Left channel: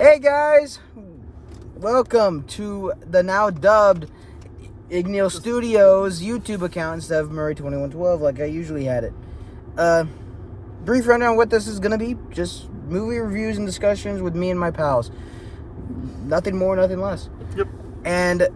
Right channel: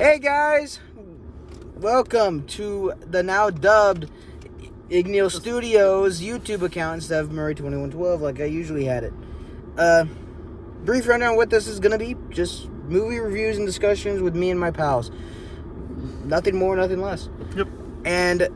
Hey guys, welcome to the now dubbed Igneel Studios YouTube account instead of Murray2112 like I usually had it. Brief rundown on what this is gonna be: just movie reviews and discussions with me and my pals. Nothing more, nothing less. Yep. And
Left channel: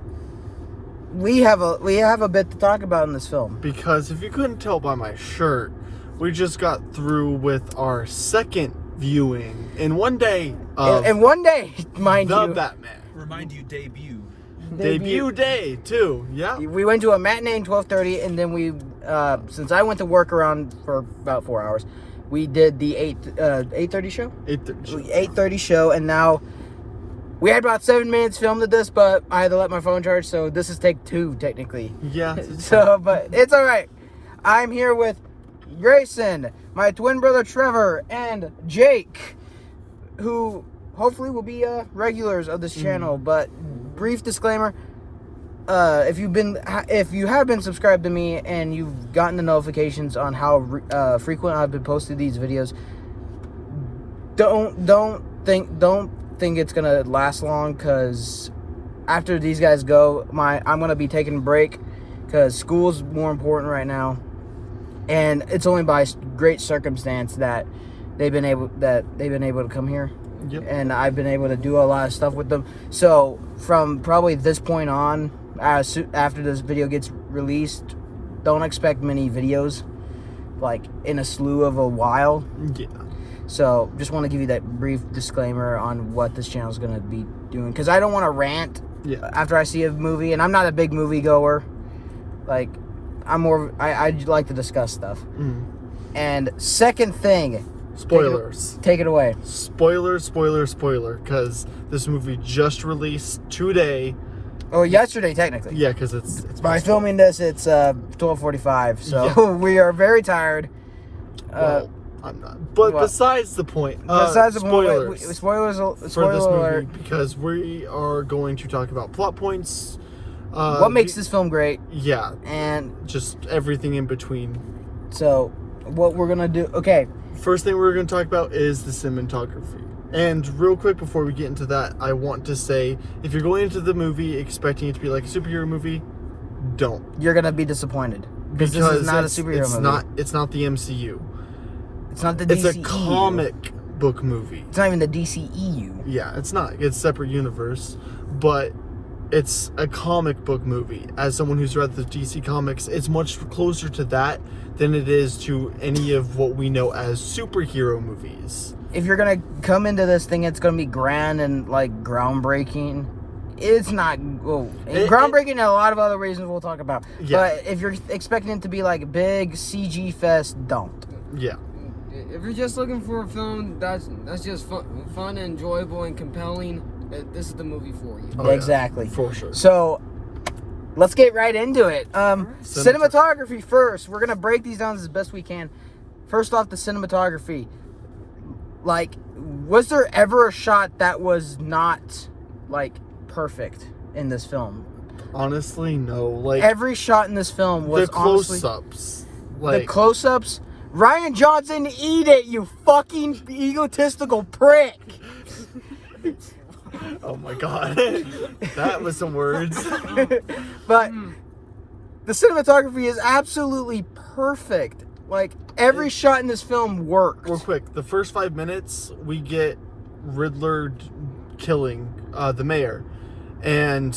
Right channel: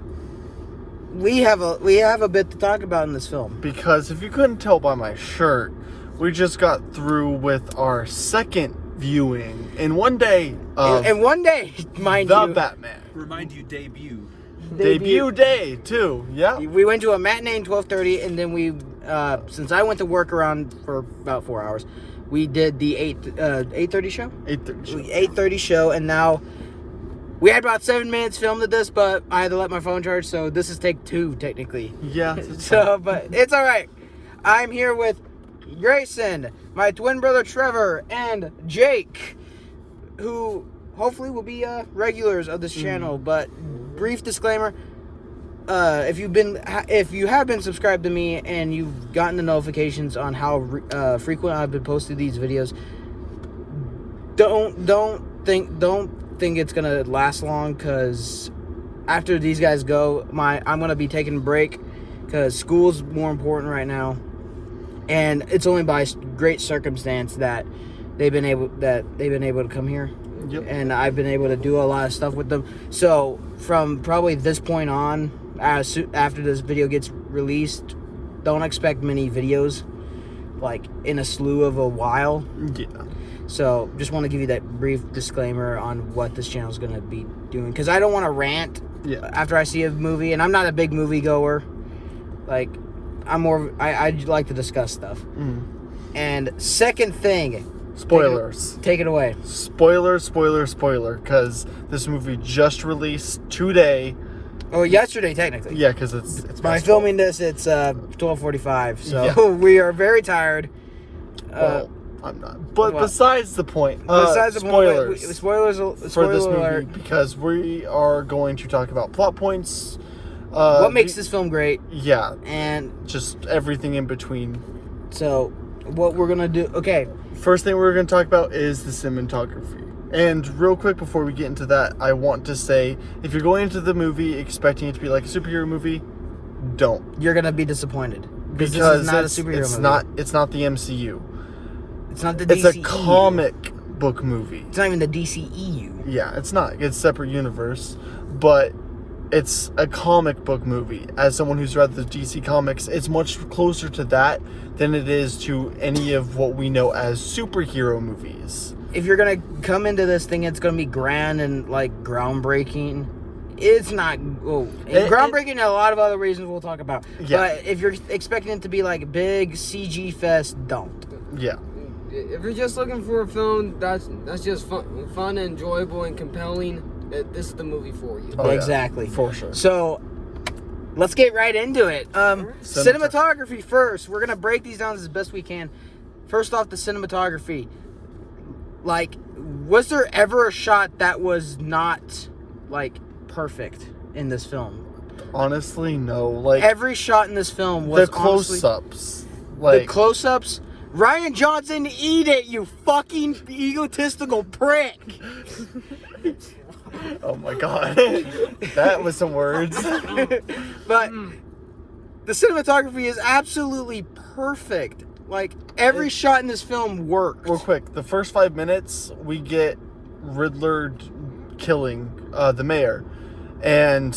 we have a bit to talk about in this film. Because if you couldn't tell by my shirt, we just got through with our second viewing in one day of And one day, mind The you, Batman. Remind you, debut. Debut day too. Yeah. we went to a matinee at 12:30, and then we, since I went to work around for about 4 hours, we did the 8:30 show. 8:30. 8:30 show, and now we had about 7 minutes filmed of this, but I had to let my phone charge, so this is take 2 technically. Yeah. So, but it's all right. I'm here with Grayson, my twin brother Trevor, and Jake, who hopefully will be regulars of this channel. But brief disclaimer: if you have been subscribed to me and you've gotten the notifications on how frequent I've been posting these videos, don't think it's gonna last long, because after these guys go, I'm gonna be taking a break because school's more important right now. And it's only by great circumstance that they've been able to come here. Yep. And I've been able to do a lot of stuff with them. So from probably this point on, after this video gets released, don't expect many videos, like in a slew of a while. Yeah. So just want to give you that brief disclaimer on what this channel is going to be doing, because I don't want to rant after I see a movie, and I'm not a big movie goer. Like, I like to discuss stuff. And second thing, Spoilers. Take it away. Spoiler, because this movie just released today. Oh, yesterday technically. Yeah, because it's By filming this, it's 12:45, so we are very tired. Well, I'm not. But besides the point. Besides the spoilers. point, spoilers For this spoiler alert. movie, because we are going to talk about plot points. What makes this film great? Yeah, And just everything in between. so, what we're gonna do? Okay, First thing we're going to talk about is the cinematography. And real quick before we get into that, I want to say, if you're going into the movie expecting it to be like a superhero movie, don't. you're gonna be disappointed because this is not a superhero movie. It's not the MCU. It's not the It's DCEU. a comic book movie. It's not even the DCEU. Yeah, it's not. It's a separate universe, but it's a comic book movie. As someone who's read the DC comics, it's much closer to that than it is to any of what we know as superhero movies. If you're gonna come into this thing, it's gonna be grand and like groundbreaking. It's not groundbreaking in a lot of other reasons we'll talk about. Yeah. But if you're expecting it to be like a big CG fest, don't. Yeah. If you're just looking for a film that's just fun and enjoyable and compelling, this is the movie for you. Oh, yeah, exactly. for sure. So let's get right into it. Cinematography first. We're gonna break these down as best we can. First off, the cinematography. Like, was there ever a shot that was not like perfect in this film? Honestly, no. Like, Every shot in this film was the close-ups. the close-ups. Ryan Johnson, eat it, you fucking egotistical prick. Oh my god. That was some words. But the cinematography is absolutely perfect. Like, every shot in this film worked. Real quick, the first 5 minutes, we get Riddler killing the mayor. And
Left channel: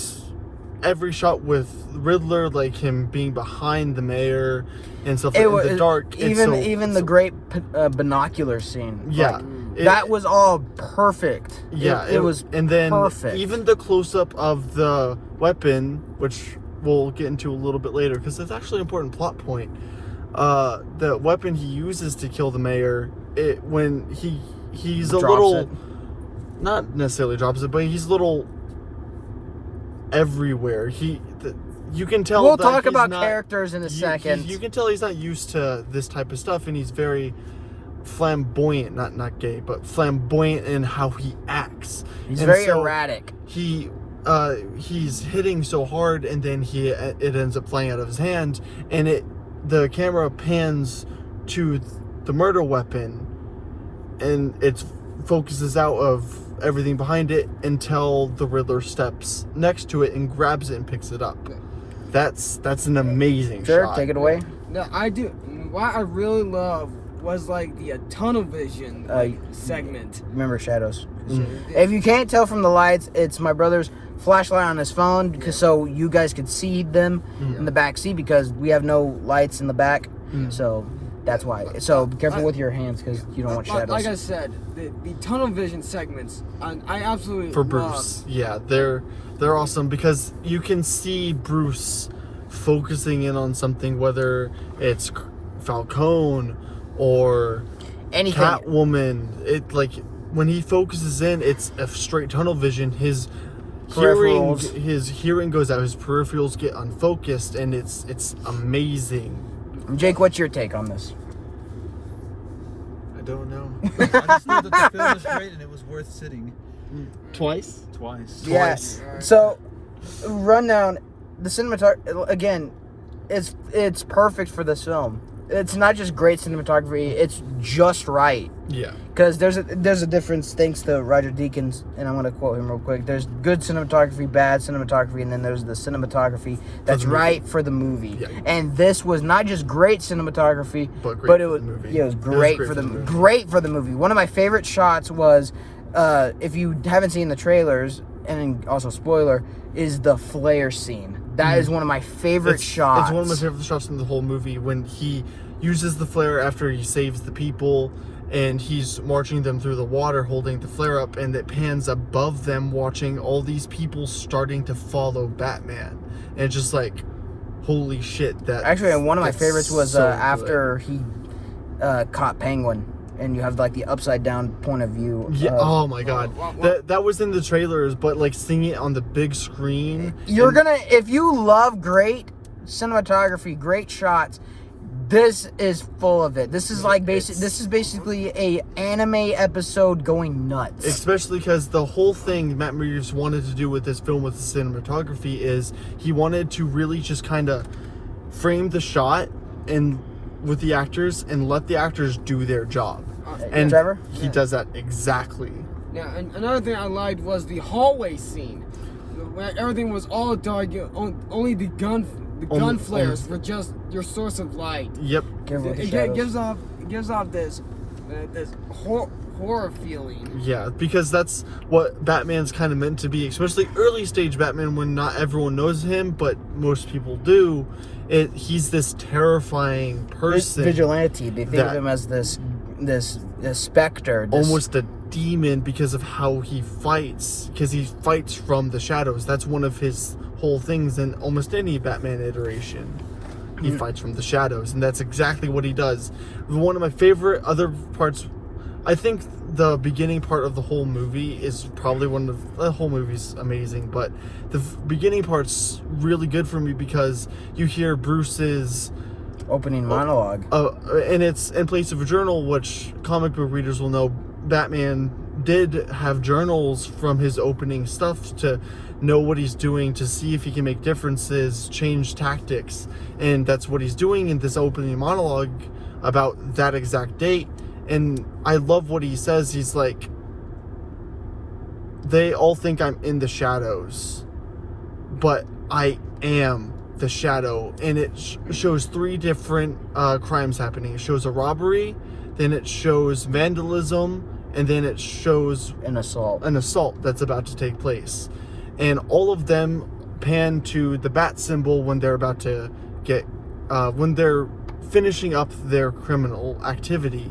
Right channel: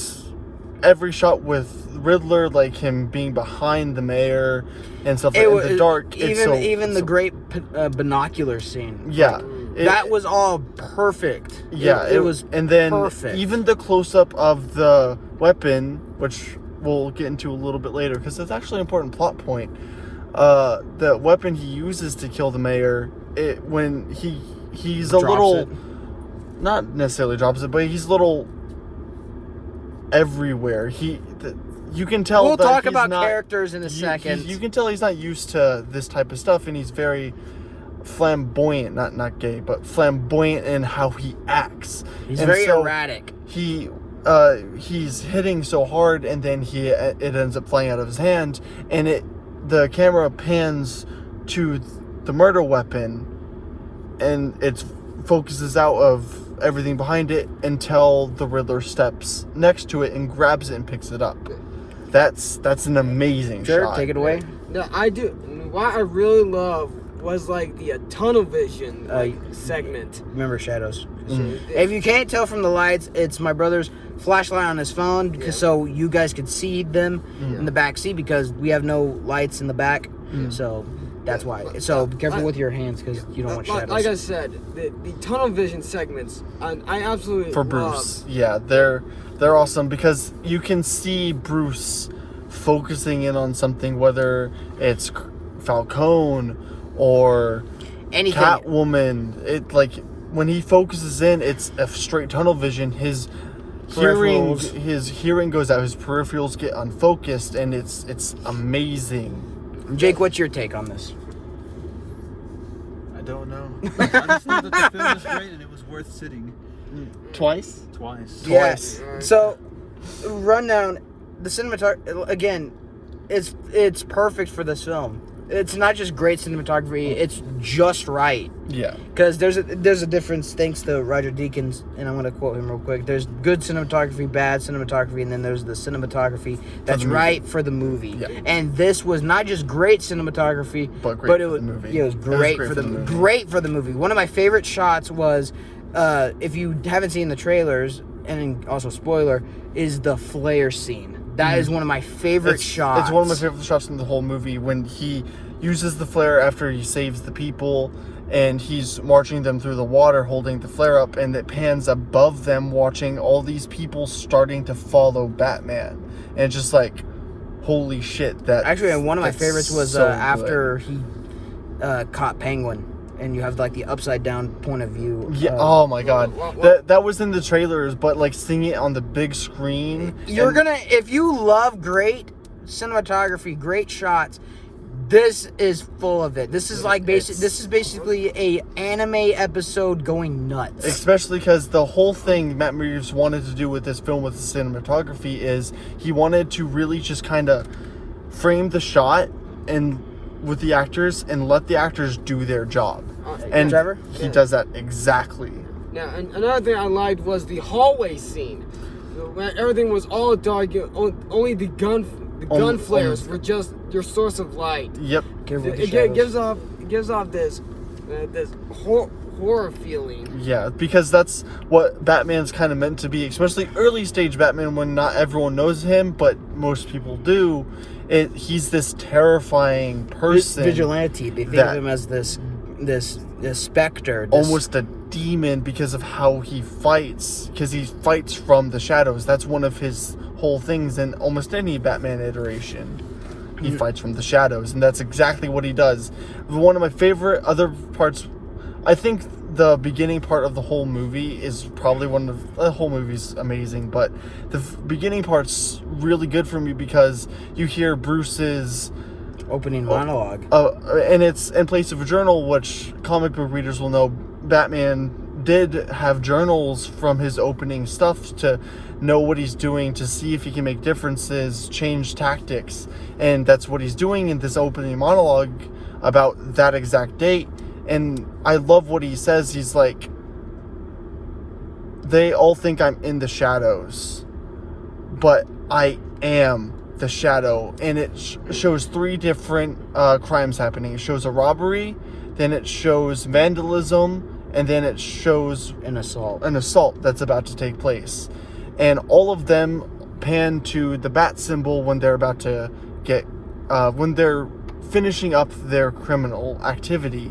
every shot with Riddler, like him being behind the mayor and stuff in the dark. Even the great binocular scene. Yeah. Like, that was all perfect. Yeah, it was and then perfect. Even the close-up of the weapon, which we'll get into a little bit later, because it's actually an important plot point. The weapon he uses to kill the mayor, when he's a little, not necessarily drops it, but he's a little everywhere. You can tell. We'll that talk he's about not, characters in a second. You can tell he's not used to this type of stuff, and he's very flamboyant, not gay, but flamboyant in how he acts. He's and very so erratic. He's hitting so hard, and then it ends up flying out of his hand, and the camera pans to the murder weapon, and it focuses out of everything behind it until the Riddler steps next to it and grabs it and picks it up. That's an amazing Sure, shot. take it away. Now, I do. What I really love was like the tunnel vision segment. Remember shadows. Mm. If you can't tell from the lights, it's my brother's flashlight on his phone, because so you guys could see them in the back seat, because we have no lights in the back. So that's why. So be careful with your hands, because you don't want shadows. Like I said, the tunnel vision segments, I absolutely For Bruce, yeah, they're awesome, because you can see Bruce focusing in on something, whether it's Falcone or Anything. Catwoman. It like when he focuses in, it's a straight tunnel vision. His hearing goes out, his peripherals get unfocused, and it's amazing. Jake, what's your take on this? I don't know. I just know that the film was great and it was worth sitting Twice. twice. Yes. So, rundown. The cinematography, again, it's perfect for this film. It's not just great cinematography; it's just right. Yeah. Because there's a difference, thanks to Roger Deakins, and I'm going to quote him real quick. There's good cinematography, bad cinematography, and then there's the cinematography that's right for the movie. Yeah. And this was not just great cinematography, But great but it for was the movie. yeah, it was great, for the movie. Great for the movie. One of my favorite shots was, if you haven't seen the trailers, and also spoiler, is the flare scene. That is one of my favorite shots. It's one of my favorite shots in the whole movie, when he uses the flare after he saves the people, and he's marching them through the water holding the flare up, and it pans above them, watching all these people starting to follow Batman. And it's just like, holy shit. Actually, one of my favorites was so after he caught Penguin, and you have like the upside down point of view. Yeah. Oh my god. well- That was in the trailers, but like seeing it on the big screen. You're and- gonna, if you love great cinematography, great shots, this is full of it. This is like this is basically a anime episode going nuts. Especially because the whole thing Matt Reeves wanted to do with this film with the cinematography is he wanted to really just kind of frame the shot and with the actors and let the actors do their job. And Trevor? he does that exactly. Now, and another thing I liked was the hallway scene, where everything was all dark. Only the gun flares were just your source of light. Yep. Careful with the It shadows. gives off this horror feeling. Yeah, because that's what Batman's kind of meant to be, especially early stage Batman, when not everyone knows him, but most people do. He's this terrifying person. Vigilante. They think that- of him as this specter. Almost a demon because of how he fights, because he fights from the shadows. That's one of his whole things in almost any Batman iteration. He fights from the shadows, and that's exactly what he does. One of my favorite other parts, I think the beginning part of the whole movie is probably one of the whole movie's amazing, but the beginning part's really good for me because you hear Bruce's Opening monologue. and it's in place of a journal, which comic book readers will know. Batman did have journals from his opening stuff to know what he's doing, to see if he can make differences, change tactics, and that's what he's doing in this opening monologue about that exact date. And I love what he says. He's like, they all think I'm in the shadows, but I am the shadow. And it shows three different crimes happening. It shows a robbery, then it shows vandalism, and then it shows An assault. an assault that's about to take place. And all of them pan to the bat symbol when they're about to get when they're finishing up their criminal activity.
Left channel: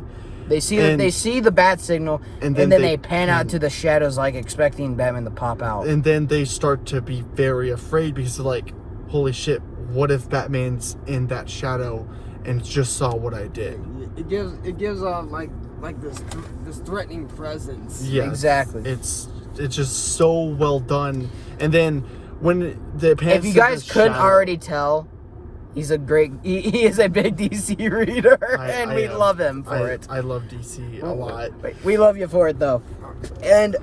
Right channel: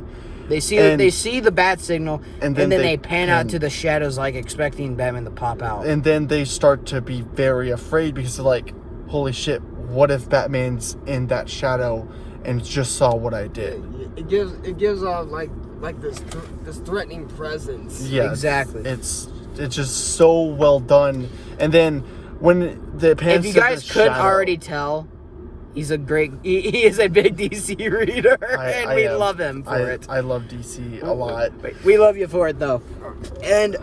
They see And- the bat signal, and and then then they they pan out to the shadows, like expecting Batman to pop out. And then they start to be very afraid because they're like, holy shit, what if Batman's in that shadow and just saw what I did? It gives off like this threatening presence. Yeah, Exactly. It's just so well done. And then when the pans If you to guys the couldn't shadow- already tell, he is a big DC reader, and we am. love him for it. I love DC a lot. We love you for it, though. And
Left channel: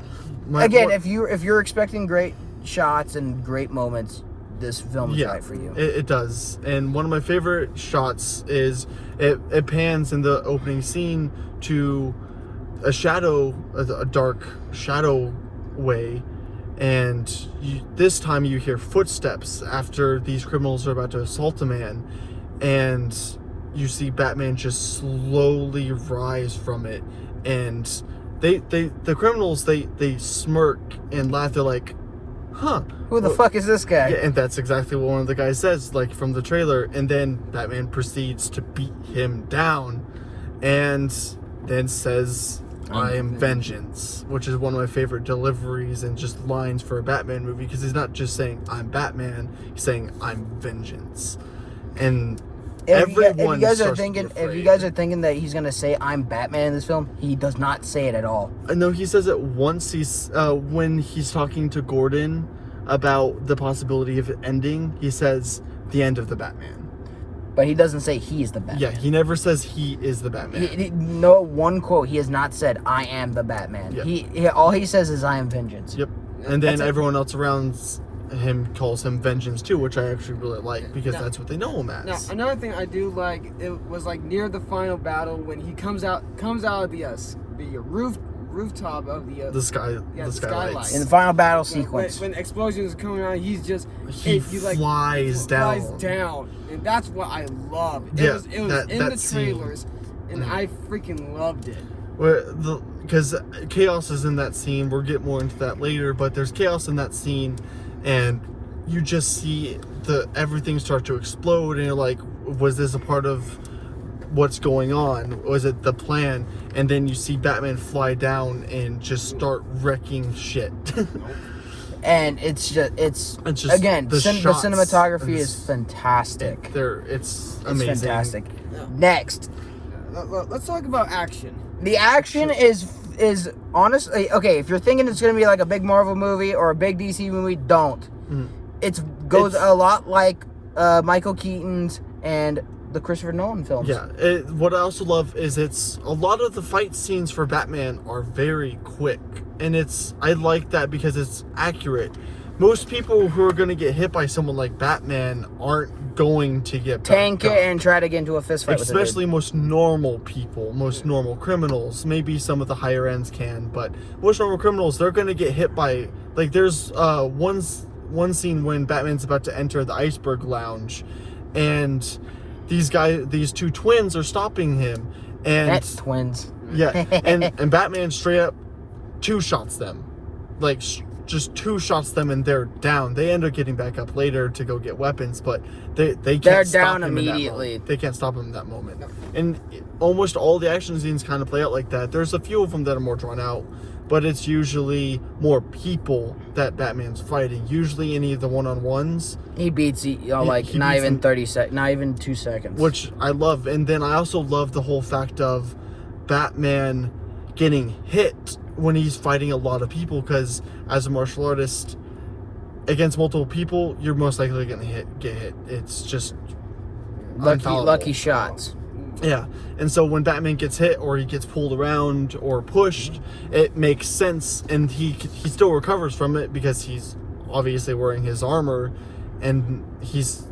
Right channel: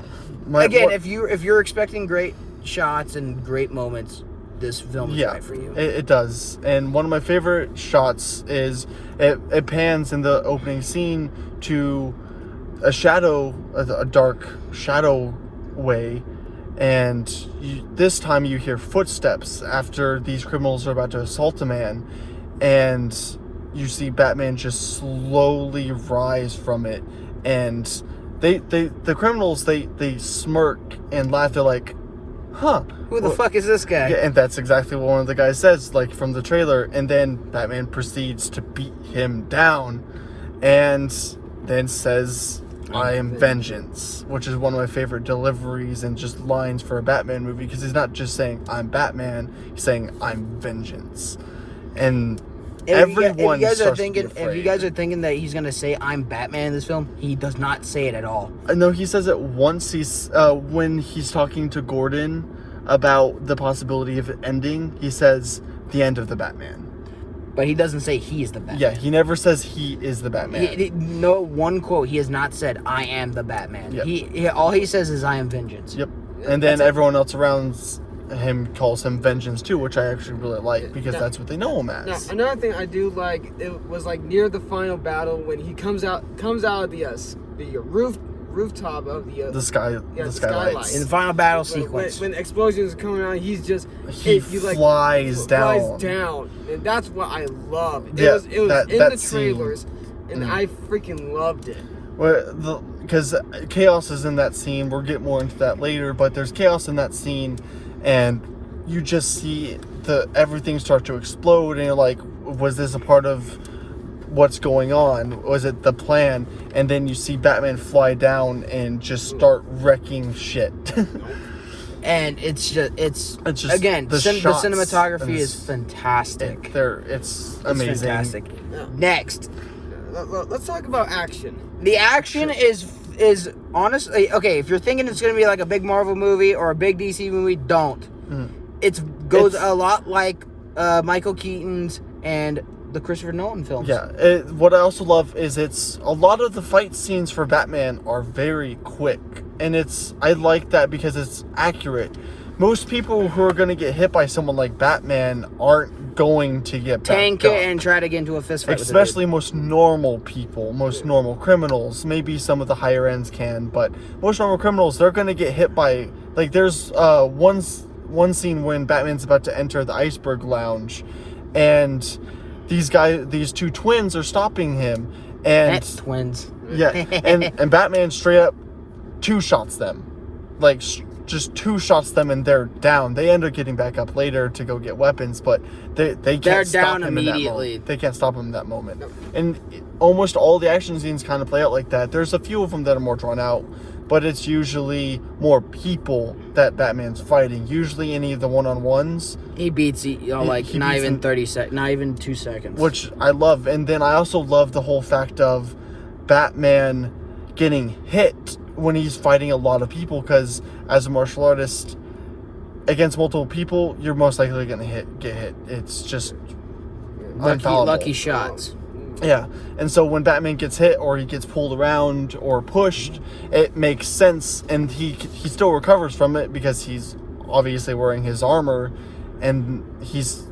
My- again, what- if you're expecting great shots and great moments, this film is right for you. It does. And one of my favorite shots is it pans in the opening scene to a dark shadow way, and this time you hear footsteps after these criminals are about to assault a man, and you see Batman just slowly rise from it, and the criminals they smirk and laugh. They're like, huh, Who the fuck is this guy? yeah, and that's exactly what one of the guys says, like from the trailer. And then Batman proceeds to beat him down, and then says, "I am vengeance," which is one of my favorite deliveries and just lines for a Batman movie, because he's not just saying "I'm Batman," he's saying "I'm vengeance," and everyone if you guys are starts to be thinking, if you afraid. guys are thinking that he's gonna say "I'm Batman" in this film, he does not say it at all. No, he says it once. He's when he's talking to Gordon about the possibility of it ending. He says the end of the Batman. But he doesn't say he is the Batman. Yeah, he never says he is the Batman. No one quote. He has not said "I am the Batman." Yep. He all he says is "I am vengeance." Yep. And then That's it. everyone else around him calls him Vengeance too, which I actually really like, because Now- that's what they know him Now, as. another thing I do like, it was like near the final battle when he comes out of the rooftop of the The sky, yeah, the the skylights. skylight. In the final battle when, sequence, when explosions are coming out, he's just He flies down. and that's what I love. It Yeah, was that in the scene. trailers, and Mm. I freaking loved it. Because chaos is in that scene. We'll get more into that later, but there's chaos in that scene, and you just see everything start to explode, and you're like, was this a part of what's going on? Was it the plan? And then you see Batman fly down and just start wrecking shit. and it's just again the the shots cinematography and is fantastic. It's It's amazing. fantastic. Yeah. Next, Let's talk about action. the action is honestly okay. If you're thinking it's gonna be like a big Marvel movie or a big DC movie, don't. Mm. It goes It's- a lot like Michael Keaton's and the Christopher Nolan films. Yeah, what I also love is it's a lot of the fight scenes for Batman are very quick, and I like that because it's accurate. Most people who are going to get hit by someone like Batman aren't going to get Tank back it up. and try to get into a fist fight with Especially most normal people, most normal criminals. Maybe some of the higher ends can, but most normal criminals, they're going to get hit by, like, there's one scene when Batman's about to enter the Iceberg Lounge, and these two twins are stopping him, and That's twins. yeah, and Batman straight up two shots them, like just two shots them, and they're down. They end up getting back up later to go get weapons, but they can't They're stop down him in that immediately. moment. They can't stop him in that moment. And almost all the action scenes kind of play out like that. There's a few of them that are more drawn out, but it's usually more people that Batman's fighting. Usually any of the one-on-ones, He beats like he not beats even them. 30 seconds, not even 2 seconds. which I love. And then I also love the whole fact of Batman getting hit when he's fighting a lot of people, because as a martial artist against multiple people, you're most likely going to get hit. It's just infallible. lucky shots. Yeah, and so when Batman gets hit or he gets pulled around or pushed, it makes sense, and he still recovers from it because he's obviously wearing his armor, and he's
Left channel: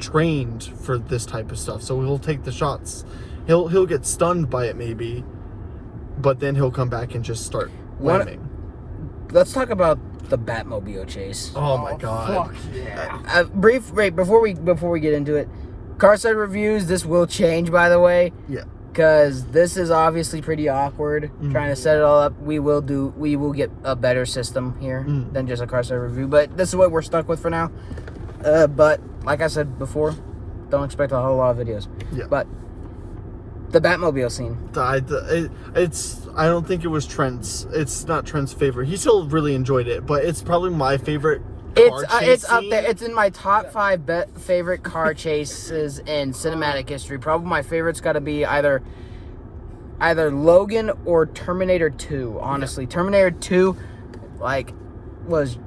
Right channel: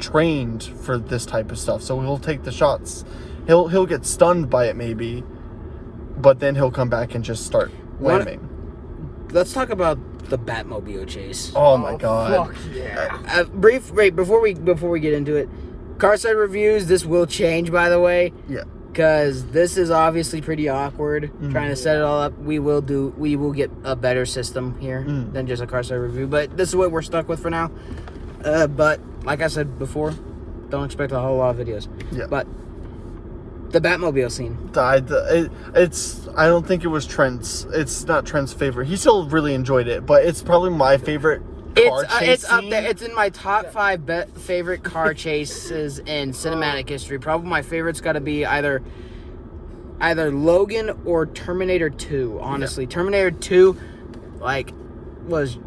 trained for this type of stuff. So he'll take the shots. He'll get stunned by it maybe, but then he'll come back and just start What- whamming. Let's talk about the Batmobile chase. Oh my god! Fuck yeah. Before we get into it, Carside reviews. This will change, by the way, Yeah. because this is obviously pretty awkward. Trying to set it all up. We will get a better system here than just a Carside review. But this is what we're stuck with for now. But like I said before, don't expect a whole lot of videos. Yeah. But the Batmobile scene. I don't think it was Trent's. It's not Trent's favorite. He still really enjoyed it, but it's probably my favorite. car chase It's up scene. there. It's in my top 5 favorite car chases in cinematic history. Probably my favorite's got to be either Logan or Terminator 2. Honestly, Terminator 2, was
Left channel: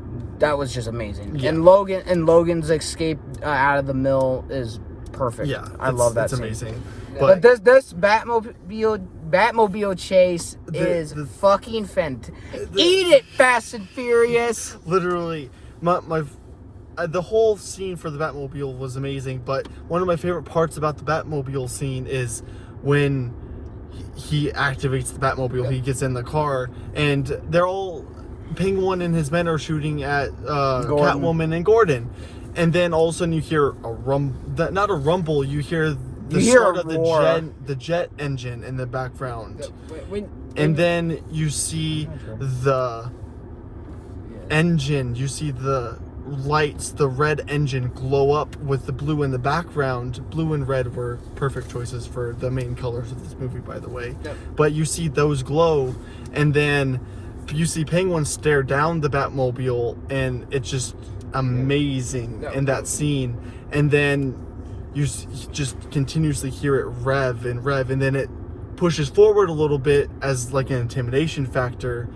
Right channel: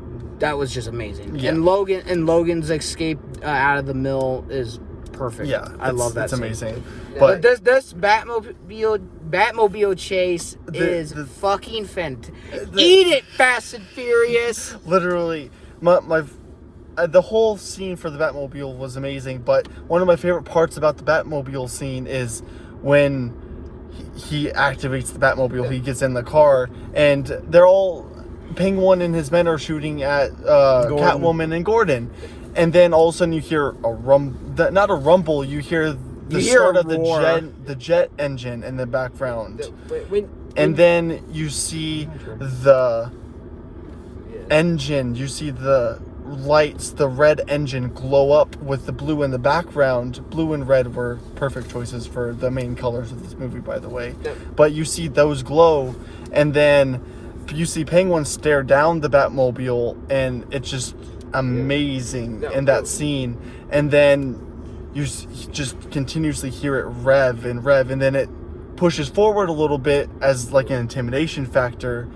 just amazing. Yeah. And Logan's escape out of the mill is perfect. Yeah, I love that. It's scene. amazing. But this Batmobile chase is the- fucking fantastic. Eat it, Fast and Furious. Literally, the whole scene for the Batmobile was amazing. But one of my favorite parts about the Batmobile scene is when he activates the Batmobile. He gets in the car, and they're all Penguin and his men are shooting at Catwoman and Gordon, and then all of a sudden you hear not a rumble. You hear the start of the jet engine in the background, and then you see the engine. You see the lights, the red engine glow up with the blue in the background. Blue and red were perfect choices for the main colors of this movie, by the way. But you see those glow, and then you see Penguin stare down the Batmobile, and it's just amazing in that scene. And then you just continuously hear it rev, and then it pushes forward a little bit as like an intimidation factor.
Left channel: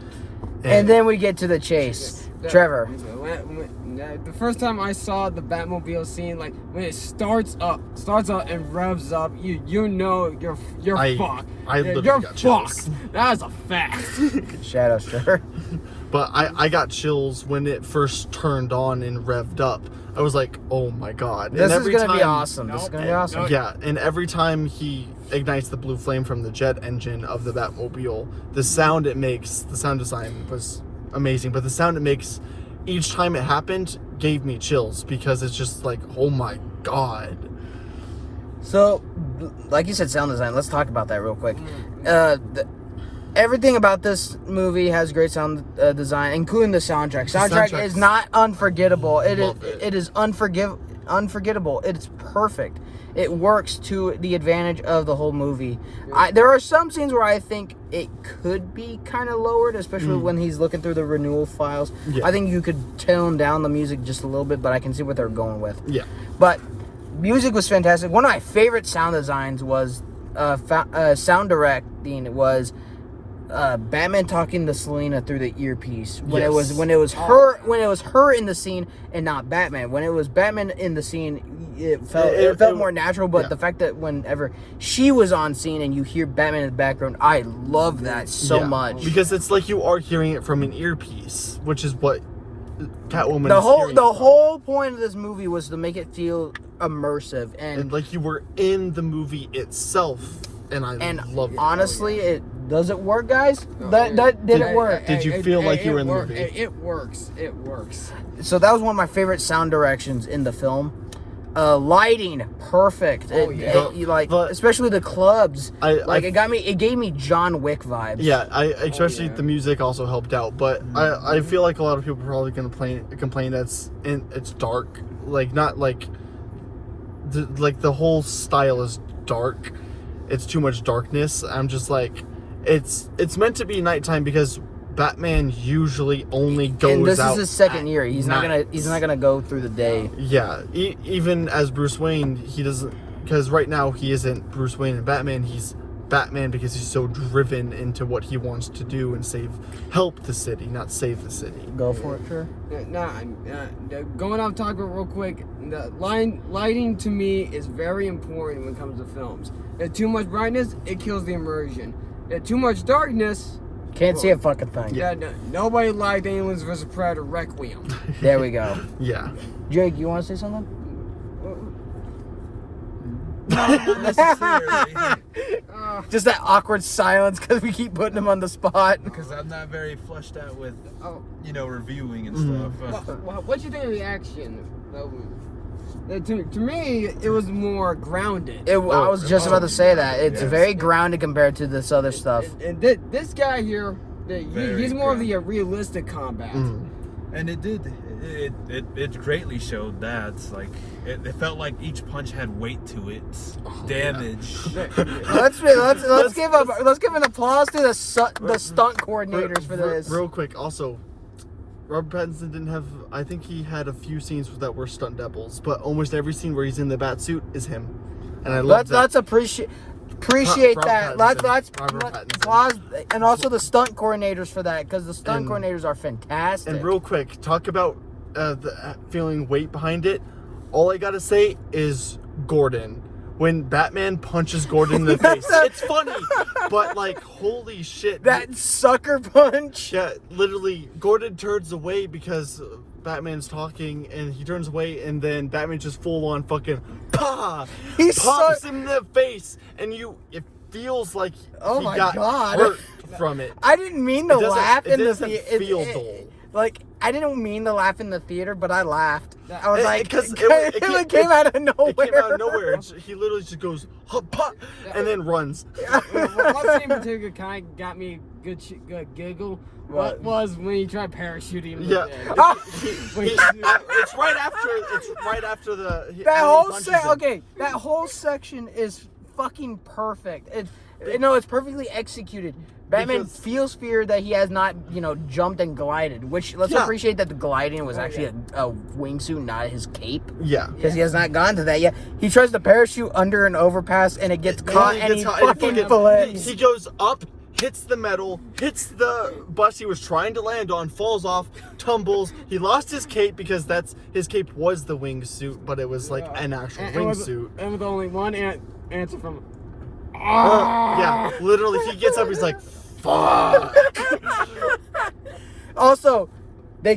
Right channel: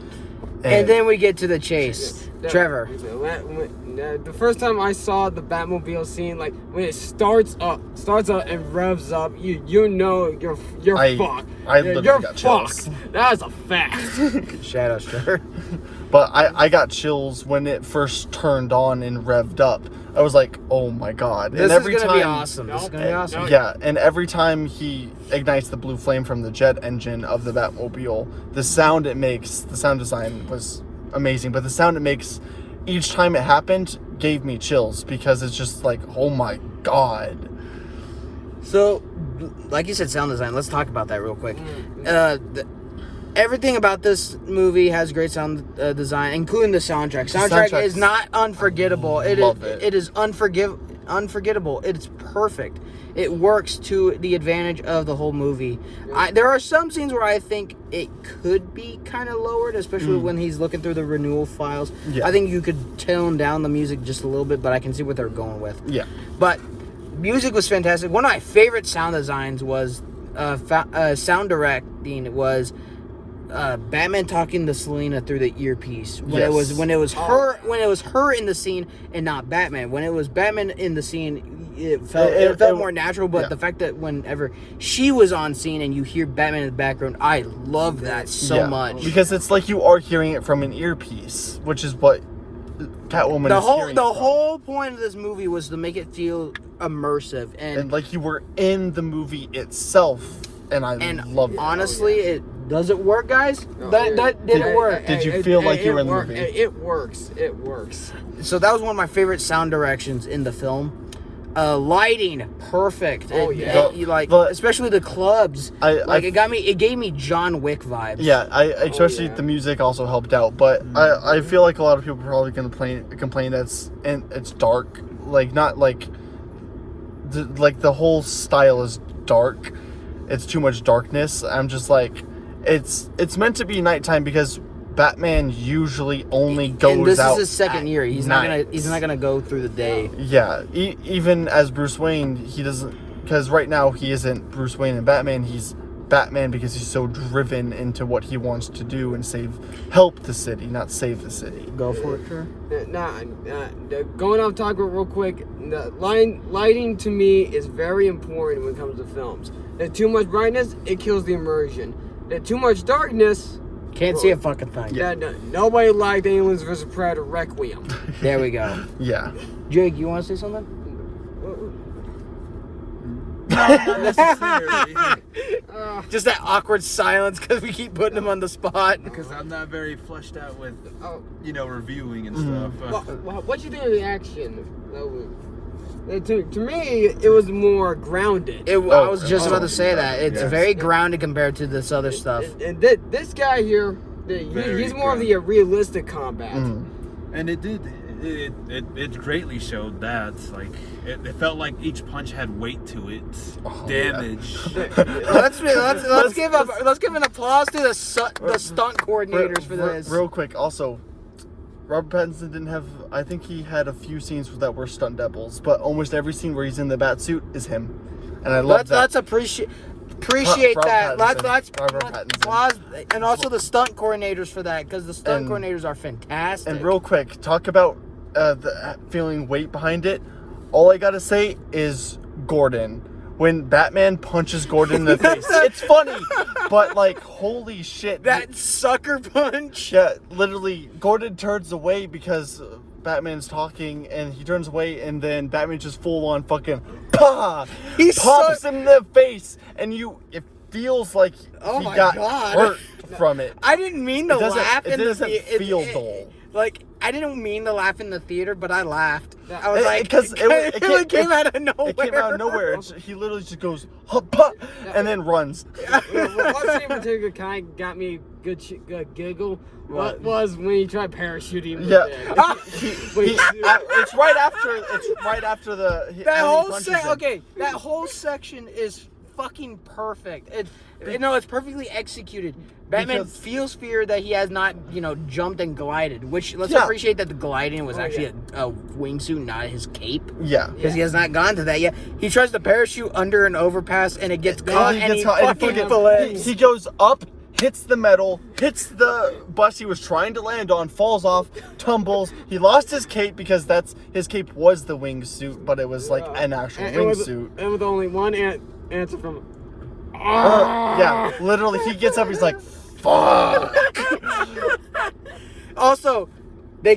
And then we get to the chase. Trevor. The first time I saw the Batmobile scene, like when it starts up and revs up, you know you're fucked. You're got chills. fucked. That's a fact. Shadows, Trevor. But I got chills when it first turned on and revved up. I was like, oh my god. This and is going to be awesome. This is going to be awesome. Yeah, and every time he ignites the blue flame from the jet engine of the Batmobile, the sound it makes, the sound design was amazing, but the sound it makes each time it happened gave me chills, because it's just like, oh my god. So, like you said, sound design. Let's talk about that real quick. Everything about this movie has great sound design, including the soundtrack. Soundtrack is not unforgettable. It is unforgettable. It's perfect. It works to the advantage of the whole movie. There are some scenes where I think it could be kind of lowered, especially when he's looking through the renewal files. Yeah. I think you could tone down the music just a little bit, but I can see what they're going with. Yeah. But music was fantastic. One of my favorite sound designs was sound directing was Batman talking to Selina through the earpiece when it was her in the scene and not Batman. When it was Batman in the scene, it felt more natural. But the fact that whenever she was on scene and you hear Batman in the background, I love that so much, because it's like you are hearing it from an earpiece, which is what Catwoman. The whole point of this movie was to make it feel immersive and like you were in the movie itself. And I love it. Honestly, does it work, guys? Did it work? Did you feel like you were in the movie? It works. It works. So that was one of my favorite sound directions in the film. Lighting, perfect. Especially the clubs. It gave me John Wick vibes. Yeah, especially the music also helped out. But I feel like a lot of people are probably going to complain that it's dark. Like, not like the whole style is dark. It's too much darkness. I'm just like, it's meant to be nighttime because Batman usually only goes out. And this is his second year. He's not gonna go through the day. Yeah, even as Bruce Wayne, he doesn't, because right now he isn't Bruce Wayne and Batman. He's Batman because he's so driven into what he wants to do and help the city, not save the city. Go for it, Trey. Going off topic real quick. The lighting to me is very important when it comes to films. Too much brightness, it kills the immersion. Too much darkness, can't see a fucking thing. Nobody liked Aliens vs. Predator Requiem. There we go. Yeah. Jake, you want to say something? Not necessarily. Just that awkward silence because we keep putting him on the spot. Because I'm not very fleshed out with, reviewing and stuff. What do you think of the action? To me, it was more grounded. I was just about to say that. It's very grounded compared to this other stuff. And this guy here, he's more of the realistic combat. And it greatly showed that. Like, it felt like each punch had weight to it. Damage. Let's give an applause to the stunt coordinators for this. Real quick, also, Robert Pattinson didn't have. I think he had a few scenes that were stunt doubles, but almost every scene where he's in the bat suit is him, and I love that. Let's appreciate that. Let's applause, and also the stunt coordinators for that, because the stunt coordinators are fantastic. And real quick, talk about the feeling weight behind it. All I gotta say is Gordon. When Batman punches Gordon in the face, it's funny, but like, holy shit. That sucker punch. Yeah, literally, Gordon turns away because Batman's talking, and he turns away, and then Batman just full on fucking pops him in the face, and feels like Oh he my got God. hurt from it. I didn't mean to It doesn't- laugh it in the doesn't theater. feel dull. Like, I didn't mean to laugh in the theater, but I laughed. I was It- like, because it came out of nowhere. It came out of nowhere. He literally just goes, "Huh," and then runs. One scene in particular kind of got me good giggle. What? Was when he tried parachuting. with Yeah. it. Ah! It's right after the That when he whole punches him. that whole section is fucking perfect. It's perfectly executed. Batman Because- feels fear that he has not, jumped and glided. Which let's Yeah. appreciate that the gliding was actually yeah. a wingsuit, not his cape, Yeah. because he has not gone to that yet. He tries to parachute under an overpass and it gets caught, and he fucking flips. He goes up, hits the metal, hits the bus he was trying to land on, falls off, tumbles. He lost his cape because his cape was the wingsuit, but it was like an actual wingsuit. And with only one answer from. Yeah, literally, he gets up. He's like, "Fuck." Also, they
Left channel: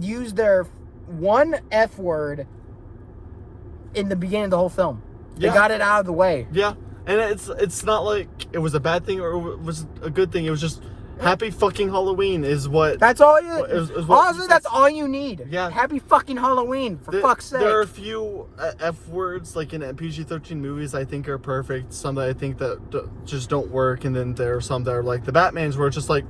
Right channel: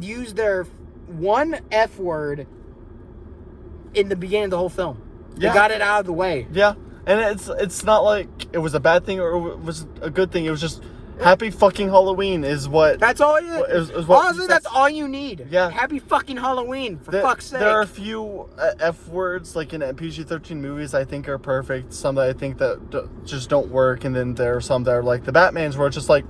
used their one F word in the beginning of the whole film. They Yeah. got it out of the way. Yeah, and it's not like it was a bad thing or it was a good thing. It was just happy fucking Halloween is what. That's all you. Is what- Honestly, that's all you need. Yeah. Happy fucking Halloween, for fuck's sake. There are a few F words like in PG-13 movies I think are perfect. Some that I think that just don't work, and then there are some that are like the Batman's where it's just like,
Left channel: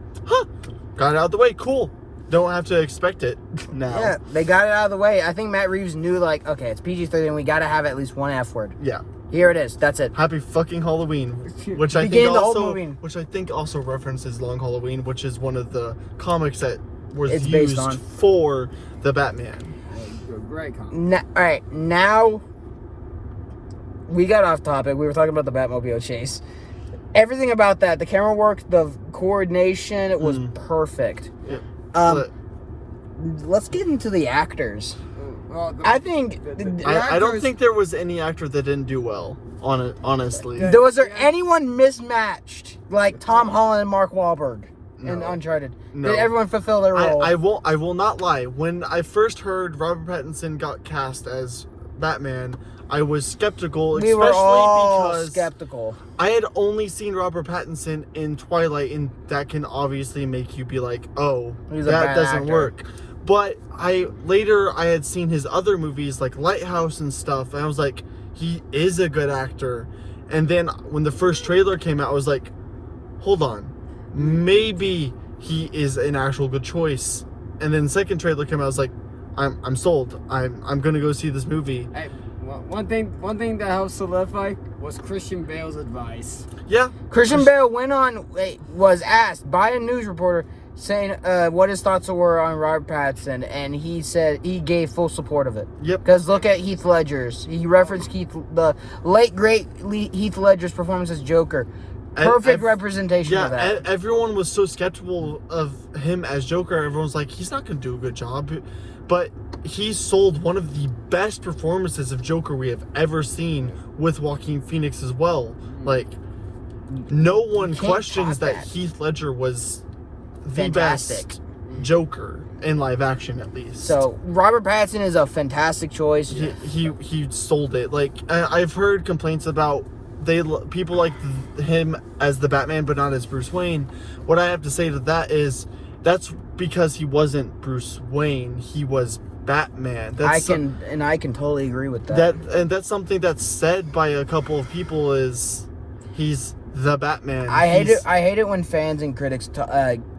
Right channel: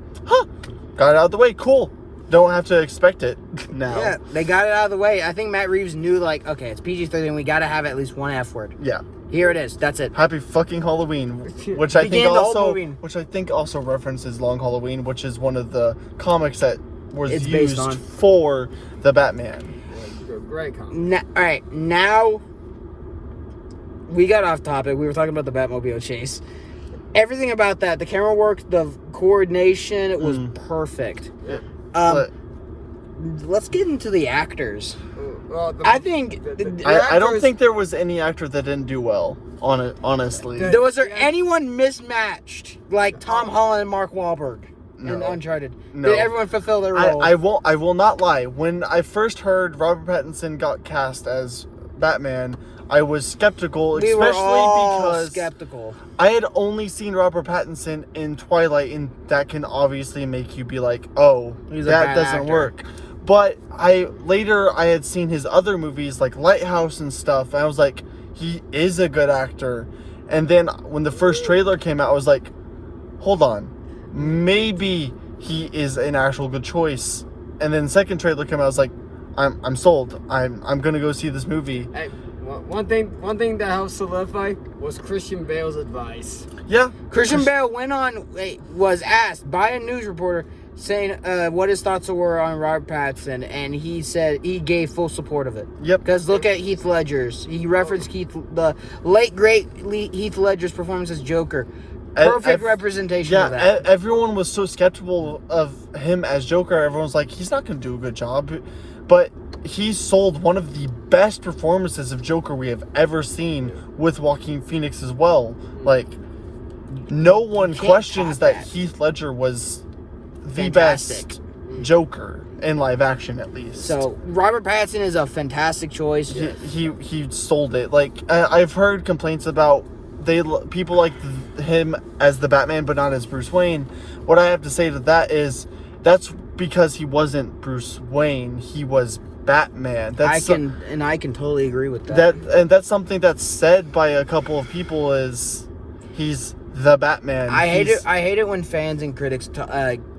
got it out of the way, cool. Don't have to expect it now. Yeah, they got it out of the way. I think Matt Reeves knew, like, okay, it's PG-13. We got to have at least one F word. Yeah. Here it is. That's it. Happy fucking Halloween, which I think Began the whole also, movie. which I think also references Long Halloween, which is one of the comics that was It's based used on. for the Batman. Great comment. All right, now we got off topic. We were talking about the Batmobile chase. Everything about that, the camera work, the coordination, it was perfect. But Let's get into the actors. Well, I think I don't think there was any actor that didn't do well. Honestly, was there anyone mismatched like Tom Holland and Mark Wahlberg in No. Uncharted? No. Did everyone fulfill their role? I will not lie. When I first heard Robert Pattinson got cast as Batman, I was skeptical, we especially were all because skeptical. I had only seen Robert Pattinson in Twilight, and that can obviously make you be like, oh, He's a that bad doesn't actor. work. But I had seen his other movies like Lighthouse and stuff, and I was like, he is a good actor. And then when the first trailer came out, I was like, hold on, maybe he is an actual good choice. And then second trailer came out, I was like, I'm sold. I'm gonna go see this movie. Hey, one thing that helped solidify was Christian Bale's advice. Yeah, Christian Bale was asked by a news reporter saying what his thoughts were on Robert Pattinson, and he said he gave full support of it. Yep. Because look at Heath Ledger's. He referenced the late great Heath Ledger's performance as Joker. Perfect representation of that. Everyone was so skeptical of him as Joker. Everyone's like, he's not going to do a good job. But he sold one of the best performances of Joker we have ever seen with Joaquin Phoenix as well. Like, no one can't questions top that that. Heath Ledger was the Fantastic. best Joker in live action, at least. So Robert Pattinson is a fantastic choice. He sold it. Like, I've heard complaints about people like him as the Batman but not as Bruce Wayne. What I have to say to that is that's because he wasn't Bruce Wayne, he was Batman. I can totally agree with that. And that's something that's said by a couple of people is he's the Batman. I hate it when fans and critics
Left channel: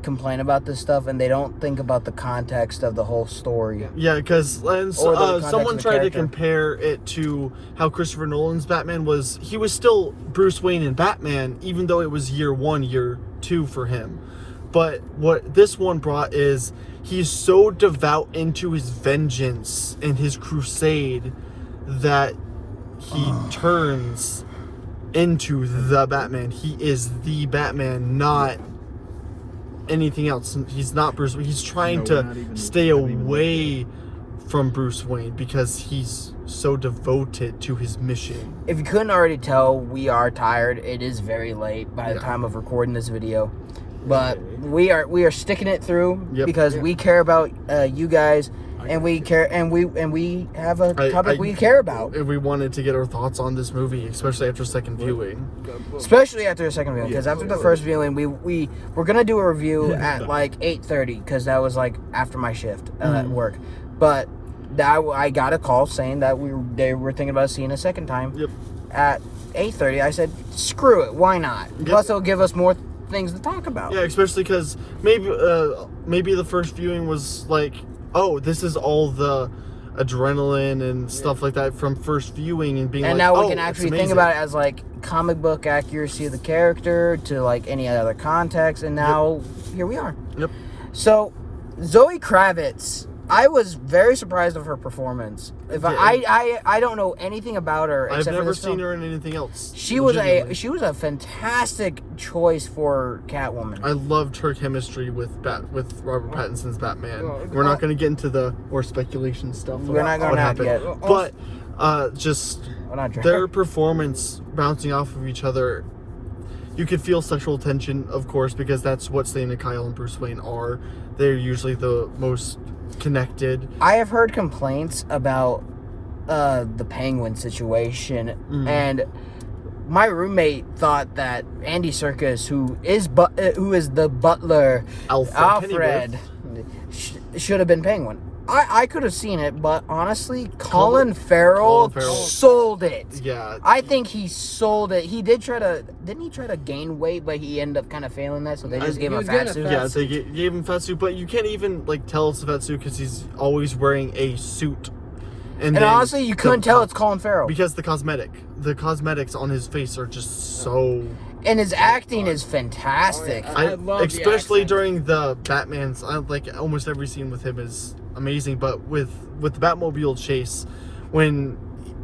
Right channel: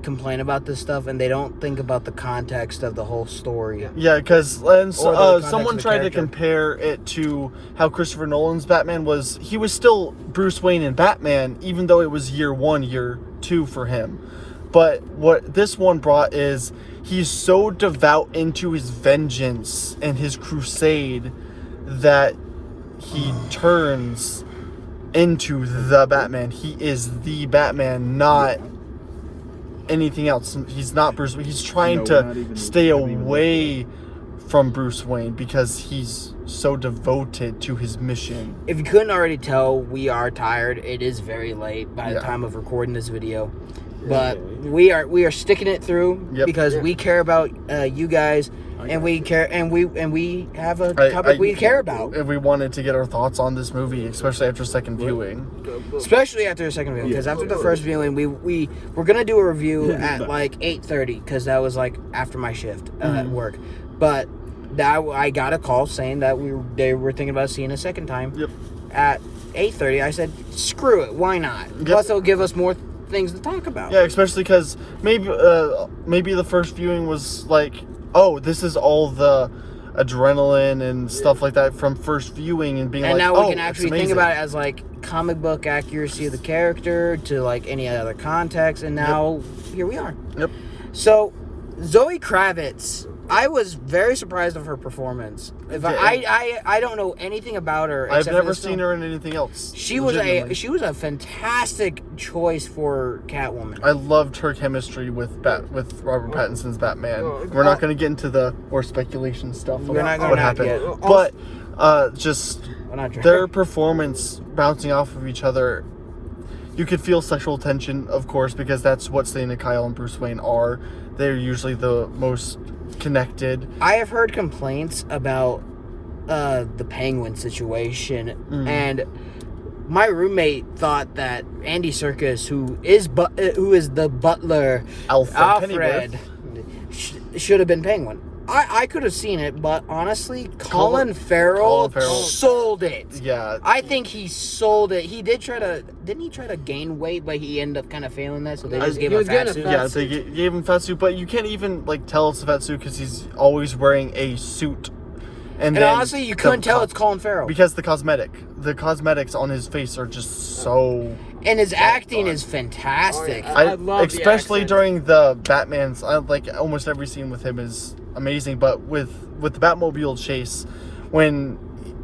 complain about this stuff and they don't think about the context of the whole story. Yeah, because Or the context someone of the tried to character. compare it to how Christopher Nolan's Batman was. He was still Bruce Wayne and Batman, even though it was year 1, year 2 for him. But what this one brought is he's so devout into his vengeance and his crusade that he turns into the Batman. He is the Batman, not anything else. He's not Bruce Wayne. He's trying No, we're not to even- stay haven't even away from Bruce Wayne because he's so devoted to his mission. If you couldn't already tell, we are tired. It is very late by the Yeah. time of recording this video. but we are sticking it through Yep. because we care about you guys, and we care, and we have a topic we care about, And we wanted to get our thoughts on this movie, especially after second viewing. especially after the second viewing. Because after the first viewing, we were gonna do a review at like 8:30 because that was like after my shift at work, but I got a call saying that they were thinking about seeing a second time. Yep. At 8:30, I said, "Screw it, why not?" Plus, it'll give us more things to talk about. Yeah, especially because maybe the first viewing was like, oh, this is all the adrenaline and stuff like that from first viewing, and being And like, now we oh, can it's actually think amazing. about it as like comic book accuracy of the character to like any other context, and now here we are. Yep. So, Zoe Kravitz, I was very surprised of her performance. If I don't know anything about her. I've except never for this seen film. her in anything else. She was legitimately. a fantastic choice for Catwoman. I loved her chemistry with Robert Pattinson's Batman. Oh, We're not going to get into the more speculation stuff. We're not about gonna what have happened. yet. But just Well, not their performance bouncing off of each other, you could feel sexual tension, of course, because that's what Selena Kyle and Bruce Wayne are. They're usually the most connected. I have heard complaints about the Penguin situation, and my roommate thought that Andy Serkis, who is the butler, Alfred, should have been Penguin. I could have seen it, but honestly, Colin Farrell sold it. Yeah. I think he sold it. He didn't he try to gain weight, but he ended up kind of failing that, so they just gave him a fat suit. Yeah, they gave him fat suit, but you can't even tell it's a fat suit because he's always wearing a suit. And then honestly, you couldn't tell it's Colin Farrell. because the cosmetics on his face are just so. And his acting is fantastic. I love the especially accent. during the Batman's. Almost every scene with him is amazing, but with the Batmobile chase,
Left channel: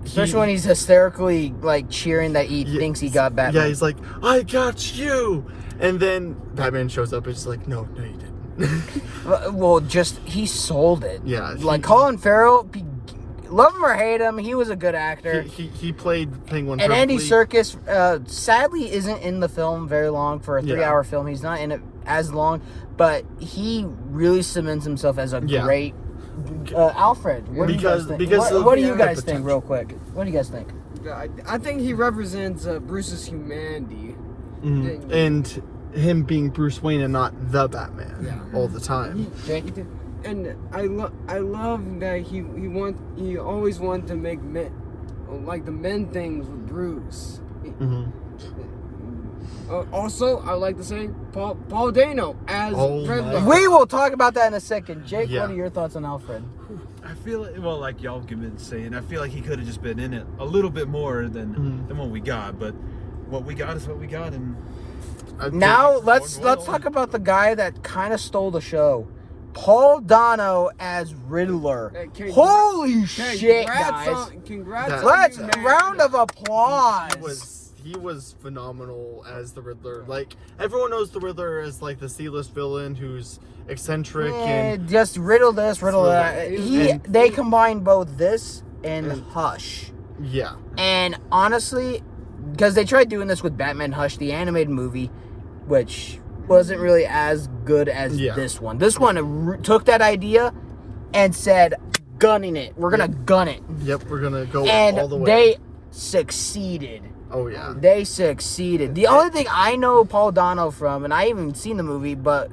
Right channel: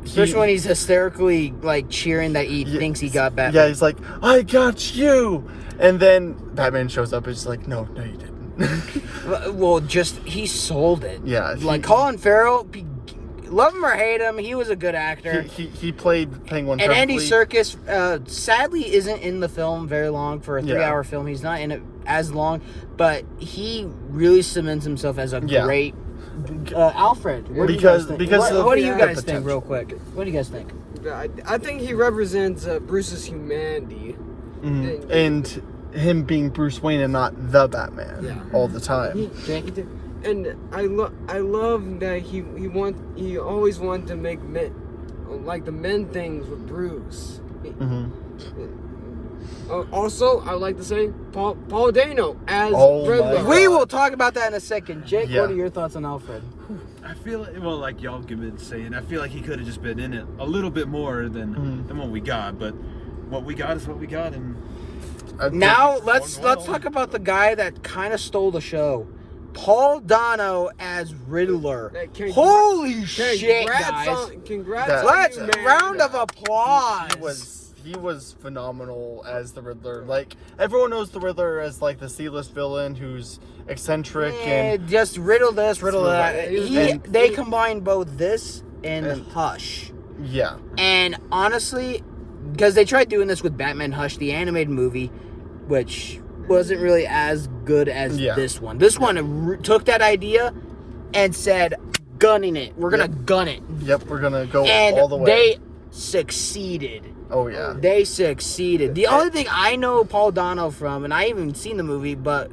Especially when he's hysterically cheering that he thinks he got Batman. Yeah, he's like, "I got you," and then Batman shows up. And he's like, "No, you didn't." Well, he sold it. Yeah, Colin Farrell, love him or hate him, he was a good actor. He played Penguin. And Andy perfectly. Serkis, sadly, isn't in the film very long for a 3-hour film. He's not in it as long, but he really cements himself as a great Alfred. What do you guys think? What do you guys think, real quick? What do you guys think? I think he represents Bruce's humanity. And him being Bruce Wayne and not the Batman all the time. And I love that he always wanted to make the men things with Bruce. Also, I would like to say Paul Dano as Riddler. We will talk about that in a second. Jake, Yeah. what are your thoughts on Alfred? I feel like y'all have been saying, I feel like he could have just been in it a little bit more than what we got, but what we got is what we got, and Now let's talk about the guy that kind of stole the show. Paul Dano as Riddler. Holy shit, guys! Congrats! Let's on you, man. round of applause. He was phenomenal as the Riddler. Everyone knows the Riddler as the C-list villain who's eccentric and just riddle this, riddle that. And- They combined both this and Hush. yeah. And honestly, because they tried doing this with Batman Hush, the animated movie, which wasn't really as good as this one. This one took that idea and said, gunning it. We're going to gun it. Yep, we're gonna go And all the way. they succeeded. Oh yeah. They succeeded. The only thing I know Paul Dano from, and I haven't seen the movie, but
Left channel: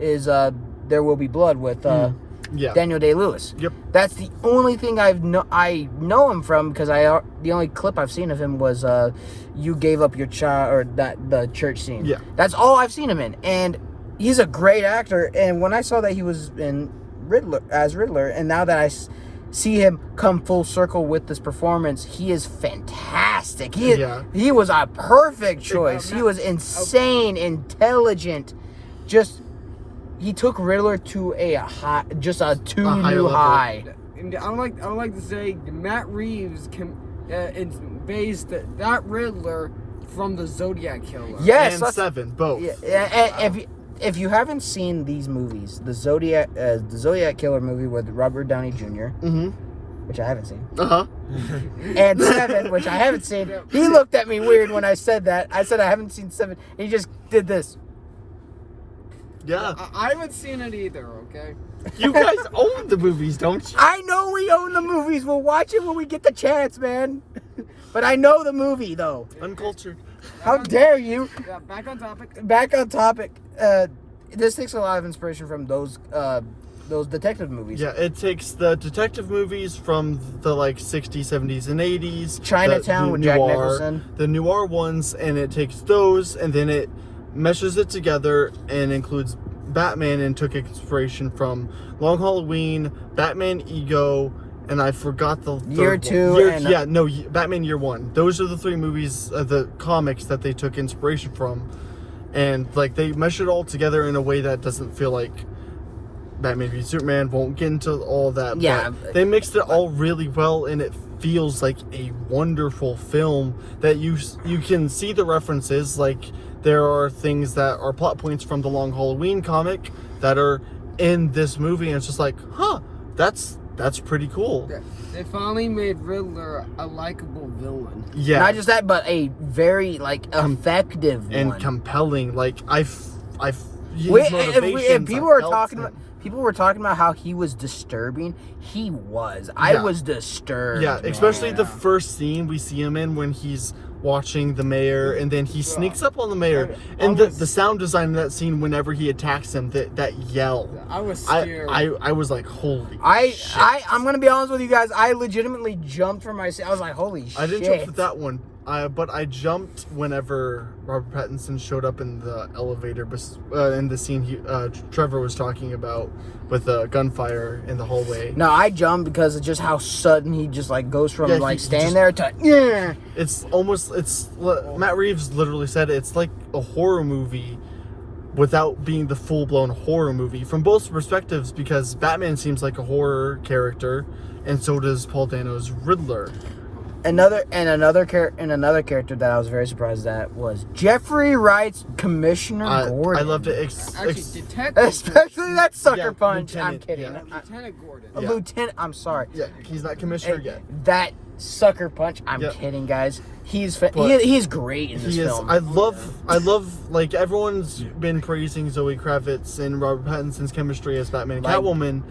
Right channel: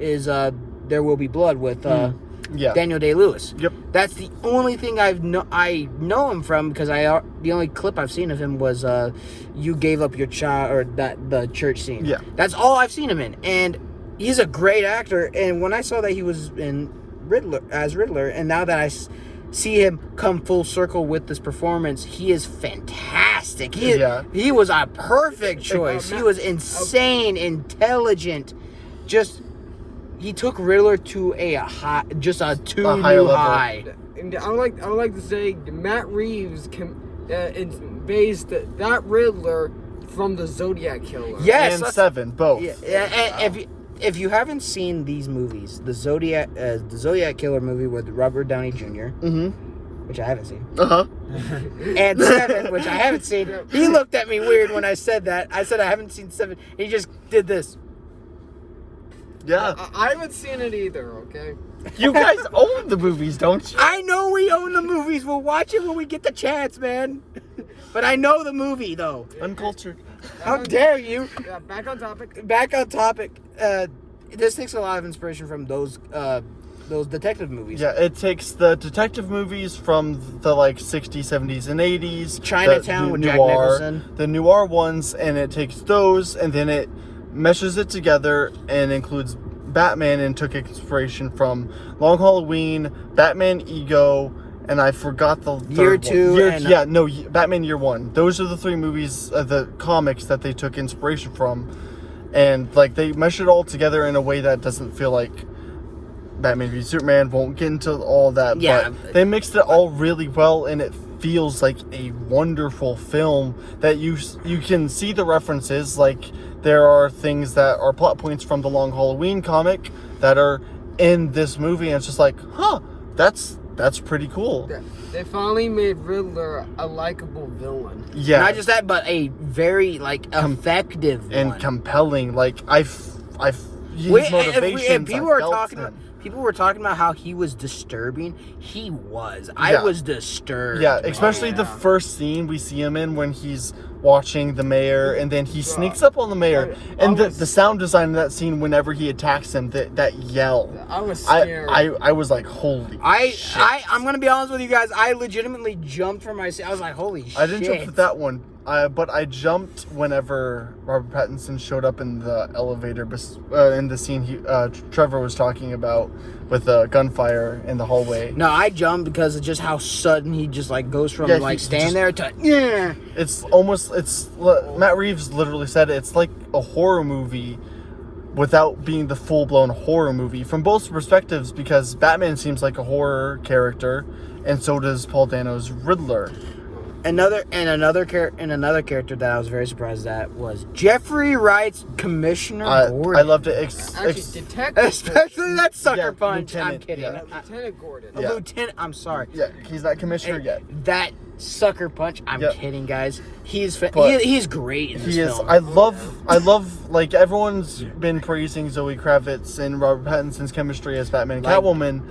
is There Will Be Blood with Yeah. Daniel Day-Lewis. Yep. That's the only thing I know him from, because the only clip I've seen of him was You Gave Up Your Child, or the church scene. Yeah. That's all I've seen him in, and he's a great actor. And when I saw that he was in Riddler, and now that I see him come full circle with this performance, he is fantastic. He was a perfect choice. He was insane, intelligent, he took Riddler to a high, just a new high. And I would like to say Matt Reeves based that Riddler from the Zodiac Killer. Yes, and Seven, both. Yeah, and if you haven't seen these movies, the Zodiac Killer movie with Robert Downey Jr., which I haven't seen, and Seven, which I haven't seen. He looked at me weird when I said that. I said I haven't seen Seven. He just did this. Yeah. I haven't seen it either. Okay. You guys own the movies, don't you? I know we own the movies. We'll watch it when we get the chance, man. But I know the movie, though. Uncultured. How dare you? Yeah. Back on topic. Back on topic. This takes a lot of inspiration from those detective movies. Yeah, it takes the detective movies from the like 60s, 70s, and 80s. Chinatown the with Jack noir- Nicholson. The noir ones, and it takes those, and then it meshes it together and includes Batman and took inspiration from Long Halloween, Batman Ego, and I forgot the Year third two one. and- Batman Year One. Those are the three movies, the comics that they took inspiration from, and like they mesh it all together in a way that doesn't feel like Batman v Superman. Won't get into all that. Yeah. But they mixed it all really well, and it feels like a wonderful film that you can see the references. Like there are things that are plot points from the Long Halloween comic that are in this movie, and it's just like, huh, that's pretty cool. They finally made Riddler a likable villain. Yeah, Not just that, but a very like effective and one. compelling. Like his If motivations. people I were felt talking him. about, people were talking about how he was disturbing. He was. Yeah. I was disturbed. Yeah, man. especially the Yeah. first scene we see him in when he's watching the mayor, and then he sneaks up on the mayor, I and was- the sound design in that scene whenever he attacks him, that yell. I was scared. I was like, holy shit. I'm gonna be honest with you guys. I legitimately jumped from my seat. I was like, holy shit. I didn't jump with that one, but I jumped whenever Robert Pattinson showed up in the elevator, in the scene Trevor was talking about with the gunfire in the hallway. No, I jumped because of just how sudden he just like goes from Yeah, like he standing just- there to yeah. Matt Reeves literally said it's like a horror movie without being the full-blown horror movie from both perspectives, because Batman seems like a horror character, and so does Paul Dano's Riddler. Another character that I was very surprised at was Jeffrey Wright's Commissioner Gordon. I loved it. Actually, Detective. Especially that sucker Yeah, punch. I'm Lieutenant, kidding. yeah. Lieutenant Gordon. A Yeah. lieutenant. I'm sorry. Yeah, he's not commissioner Hey, yet. that sucker punch. I'm Yep. kidding, guys. He's But he's great in this He is. film. I love. Like everyone's been praising Zoe Kravitz and Robert Pattinson's chemistry as Batman, Like- Catwoman,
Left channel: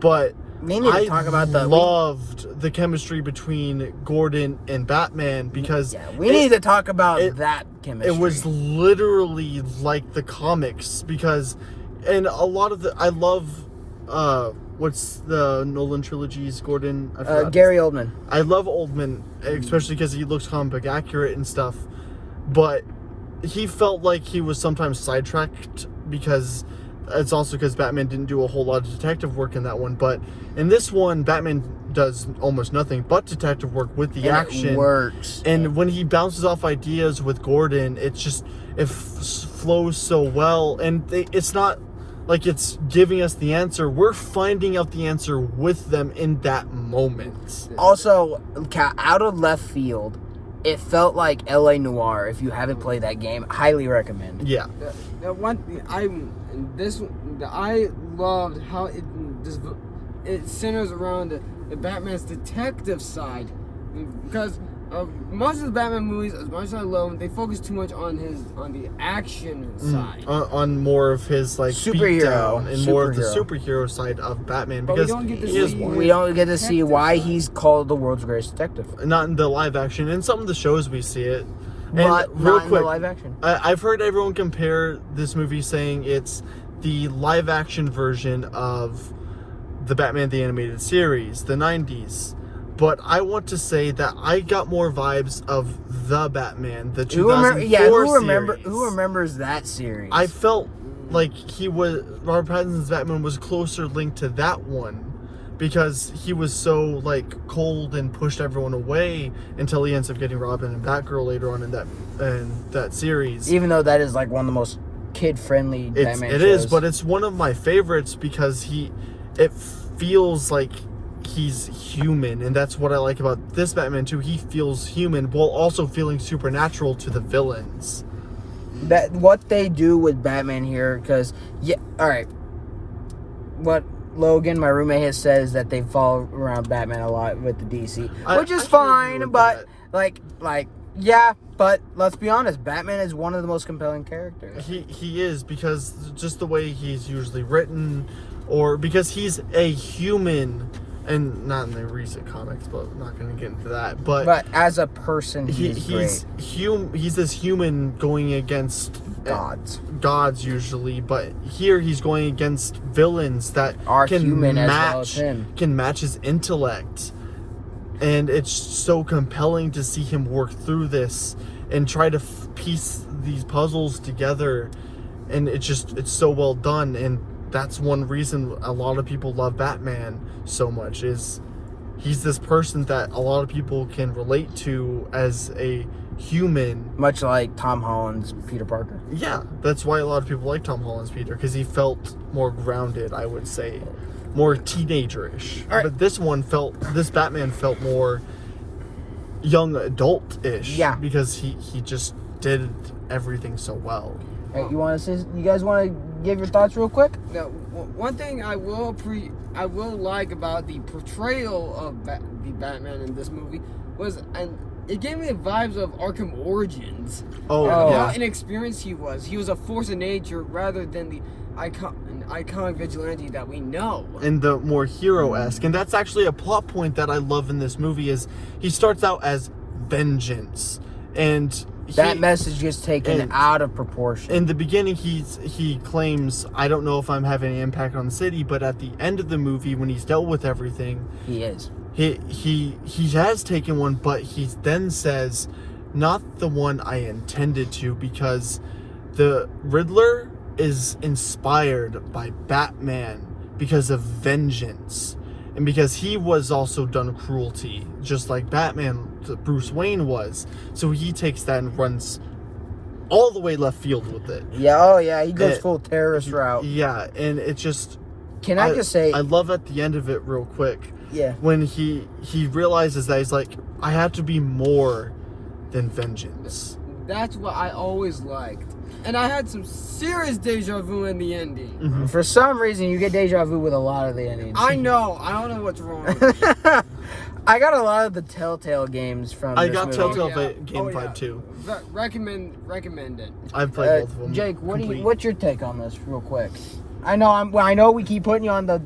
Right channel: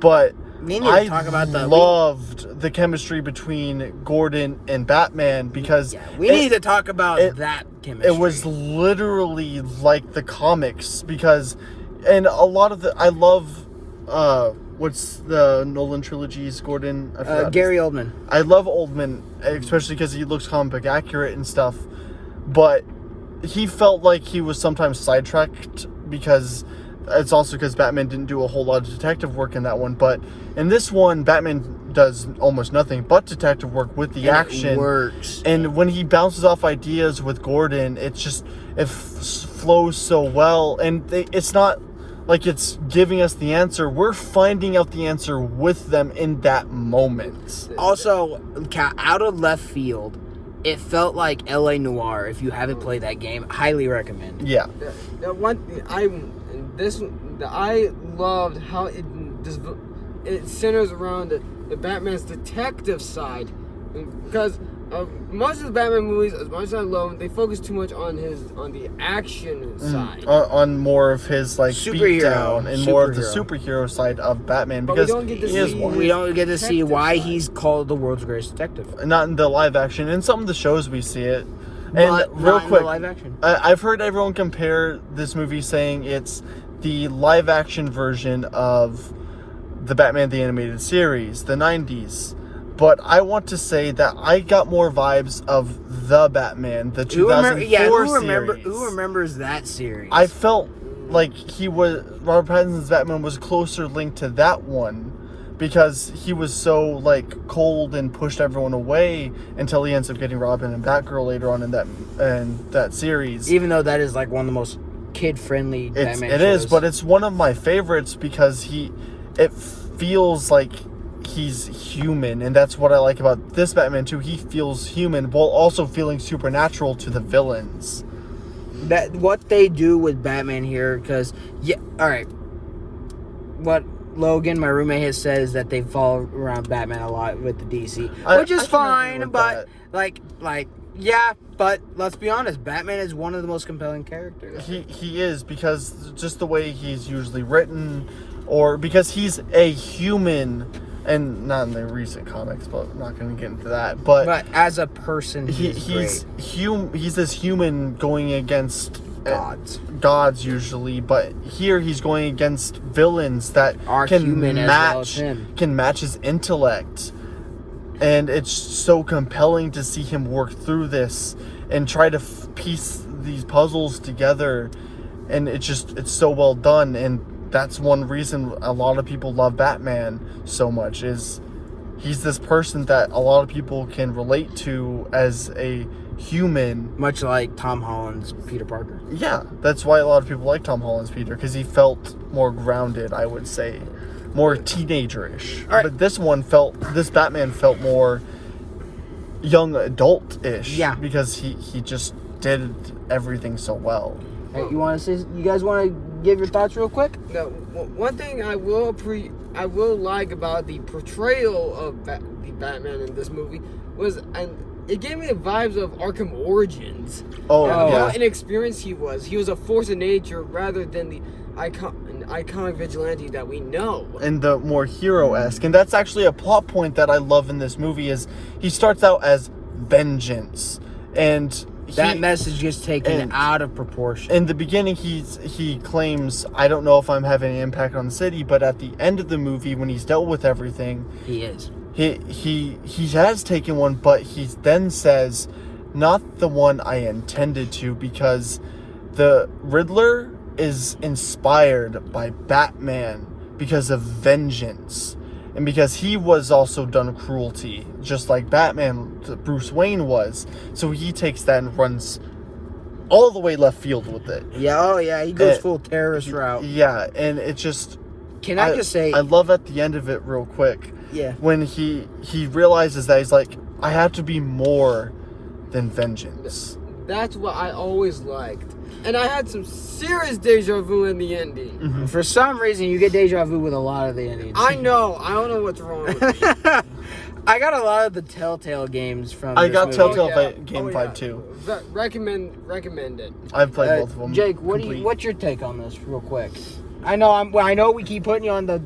but We need to talk about the. loved the chemistry between Gordon and Batman, because We need to talk about it- that chemistry. it was literally like the comics, because and a lot of I love what's the Nolan trilogy's Gordon? I forgot. Gary Oldman. I love Oldman, especially because he looks comic book accurate and stuff, but he felt like he was sometimes sidetracked, because it's also because Batman didn't do a whole lot of detective work in that one. But in this one, Batman does almost nothing but detective work with the And action. it works. And when he bounces off ideas with Gordon, it's just flows so well, and it's not like it's giving us the answer. We're finding out the answer with them in that moment. Also, out of left field, it felt like L.A. Noire. If you haven't played that game, highly recommend. Yeah. The one I loved how it centers around the Batman's detective side, because most of the Batman movies, as much as I love them, they focus too much on the action side. On more of his like Superhero. beatdown and more of the Superhero. superhero side of Batman, But we because don't get to he is see- one. We don't get to see Detective why side. he's called the world's greatest detective. Not in the live action. In some of the shows we see it. And But real not in the quick, live action. I've heard everyone compare this movie, saying it's the live action version of the Batman the Animated Series, the 90s. But I want to say that I got more vibes of the Batman, the 2004 series. Who remembers that series? I felt like Robert Pattinson's Batman was closer linked to that one, because he was so like cold and pushed everyone away until he ends up getting Robin and Batgirl later on in that series. Even though that is like one of the most kid-friendly Batman It shows. is, but it's one of my favorites because it feels like he's human, and that's what I like about this Batman too. He feels human while also feeling supernatural to the villains. that what they do with Batman here, because all right, what Logan, my roommate, has said is that they follow around Batman a lot with the DC, which is I can agree fine, with but that. like Yeah, but let's be honest, Batman is one of the most compelling characters. He is, because just the way he's usually written, or because he's a human, and not in the recent comics, but I'm not going to get into that. But as a person, he's great. He's this human going against gods usually, but here he's going against villains that Are can human as match well as him. can match his intellect. And it's so compelling to see him work through this and try to piece these puzzles together. And it's so well done. And that's one reason a lot of people love Batman so much, is he's this person that a lot of people can relate to as a human. Much like Tom Holland's Peter Parker. Yeah, that's why a lot of people like Tom Holland's Peter, because he felt more grounded, I would say. More teenager-ish. All right. But this Batman felt more young adult-ish. Yeah. Because he just did everything so well. All right, you guys want to give your thoughts real quick? Now, one thing I will like about the portrayal of the Batman in this movie was, and it gave me the vibes of Arkham Origins. Oh, How yeah. inexperienced he was. He was a force of nature rather than the iconic vigilante that we know. And the more hero-esque. And that's actually a plot point that I love in this movie, is he starts out as vengeance. And That message gets taken out of proportion. in the beginning, he claims, I don't know if I'm having an impact on the city, but at the end of the movie, when he's dealt with everything, He is. he has taken one, but he then says, not the one I intended to, because the Riddler is inspired by Batman because of vengeance, and because he was also done cruelty, just like Batman, Bruce Wayne was. So he takes that and runs all the way left field with it. Yeah, oh yeah, he goes Uh, full terrorist route. Yeah, and it just... Can I just say... I love at the end of it real quick, yeah. when he realizes that he's like, I have to be more than vengeance. That's what I always liked. And I had some serious deja vu in the ending. Mm-hmm. For some reason, you get deja vu with a lot of the endings. I know. I don't know what's wrong with me. I got a lot of the Telltale games from I this got movie. Telltale Game 5 too. Recommend it. I've played both of them. Jake, what's your take on this, real quick? I know we keep putting you on the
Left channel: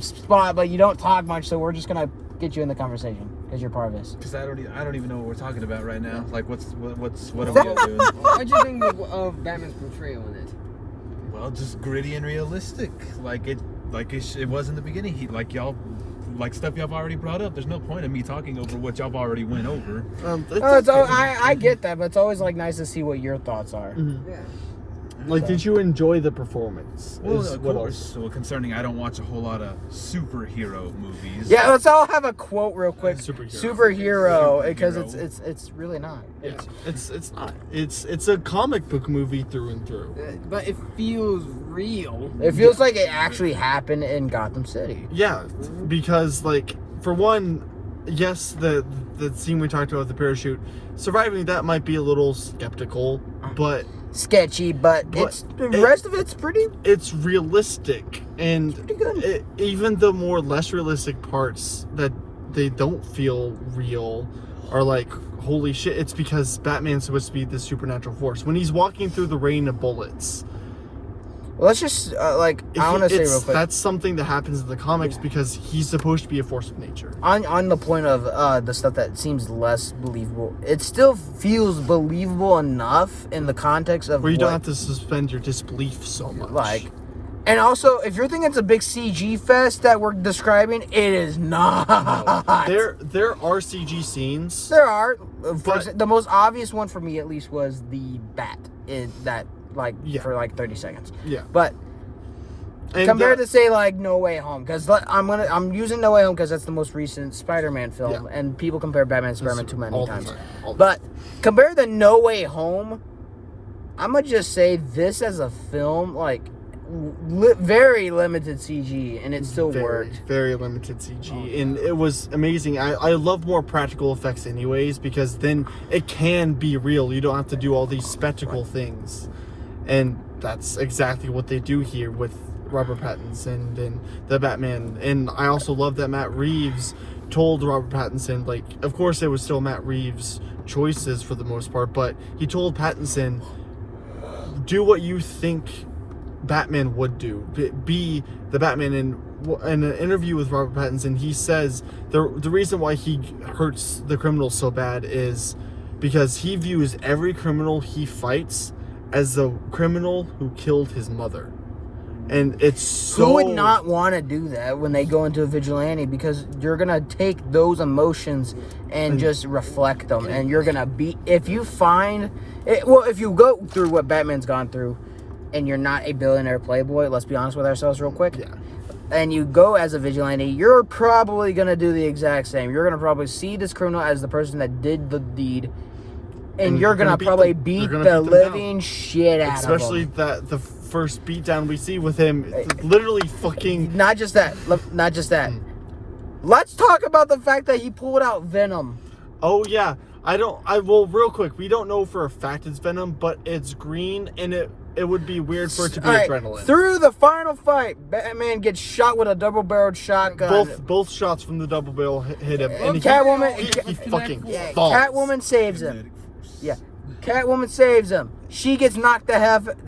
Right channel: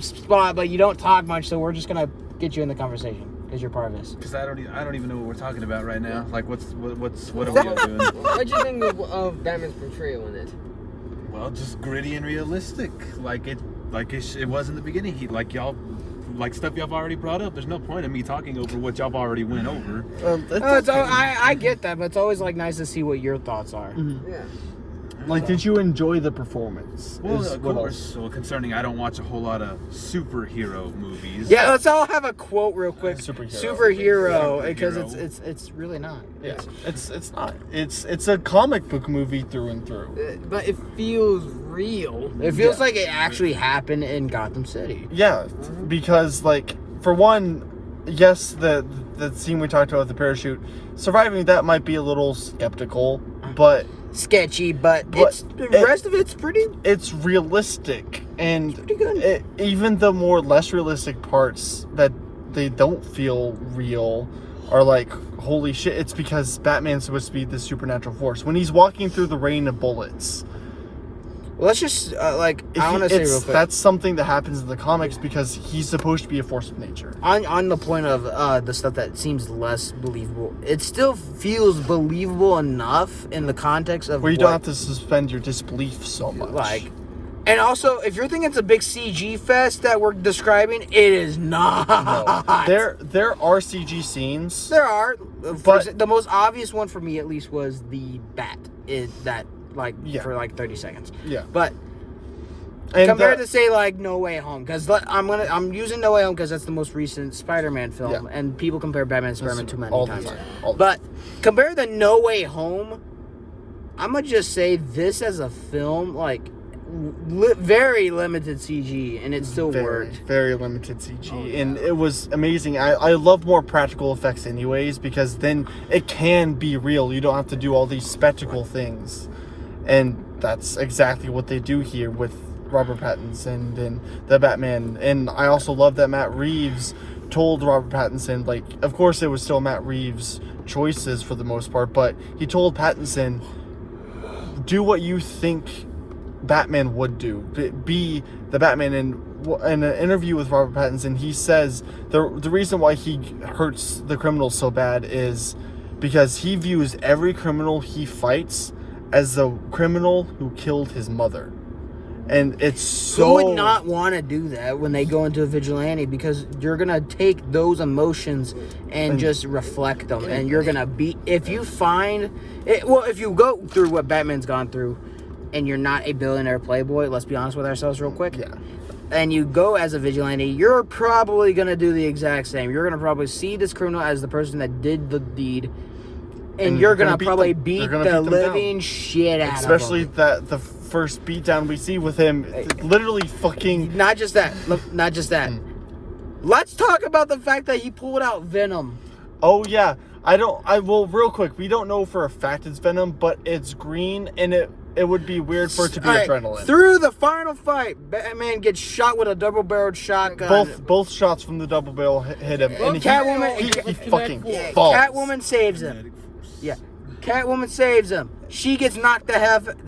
spot, but you don't talk much, so we're just gonna get you in the conversation because you're part of this. Because I don't even know what we're talking about right now. Like what are we all doing? What do you think of Batman's portrayal in it? Well, just gritty and realistic, like it was in the beginning. Stuff y'all already brought up. There's no point in me talking over what y'all already went over. I get that, but it's always like nice to see what your thoughts are. Mm-hmm. Yeah. Like, did you enjoy the performance? Well, Is of what course. Well, concerning I don't watch a whole lot of superhero movies. Yeah, let's all have a quote real quick. Superhero. Because Superhero. it's really not. Yeah, it's not. It's a comic book movie through and through. But it feels real. It feels like it actually happened in Gotham City. Yeah, because like, for one, yes, the scene we talked about with the parachute, surviving that might be a little skeptical, but Sketchy, but the rest of it's pretty. it's realistic, and Pretty good. Even the more less realistic parts that they don't feel real are like, holy shit, it's because Batman's supposed to be this supernatural force. When he's walking through the rain of bullets, Let's just I want to say real quick that's something that happens in the comics because he's supposed to be a force of nature. on the point of the stuff that seems less believable. It still feels believable enough in the context of Where you don't have to suspend your disbelief so much. like. And also, if you're thinking it's a big CG fest that we're describing, it is not. There are CG scenes. There are. But- The most obvious one for me, at least, was the bat. Yeah. For like 30 seconds. Yeah. But And compared to say like No Way Home, because I'm using No Way Home because that's the most recent Spider-Man film, Yeah. and people compare Batman and Spider-Man too many all the times. time. All the But compared to No Way Home, I'm gonna just say this as a film, like very limited CG, and it still worked. Very limited CG, and it was amazing. I love more practical effects, anyways, because then it can be real. You don't have to do all these spectacle things, and that's exactly what they do here with Robert Pattinson and the Batman. And I also love that Matt Reeves told Robert Pattinson, like, of course it was still Matt Reeves choices for the most part, but he told Pattinson, do what you think Batman would do. Be the Batman. And in an interview with Robert Pattinson, he says the reason why he hurts the criminals so bad is because he views every criminal he fights as the criminal who killed his mother. And it's so... Who would not want to do that when they go into a vigilante? Because you're going to take those emotions and just reflect them. And you're going to be... If you find... if you go through what Batman's gone through and you're not a billionaire playboy, let's be honest with ourselves real quick. Yeah. And you go as a vigilante, you're probably going to do the exact same. You're going to probably see this criminal as the person that did the deed. And you're going to probably beat the living shit out of them. Especially the first beatdown we see with him, literally fucking... Not just that. Let's talk about the fact that he pulled out Venom. Oh, yeah. Well, real quick, we don't know for a fact it's Venom, but it's green, and it would be weird for it to be adrenaline. Through the final fight, Batman gets shot with a double-barreled shotgun. Both shots from the double barrel hit him. And Catwoman... he fucking falls. Catwoman saves him. Yeah. Catwoman saves him. She gets knocked the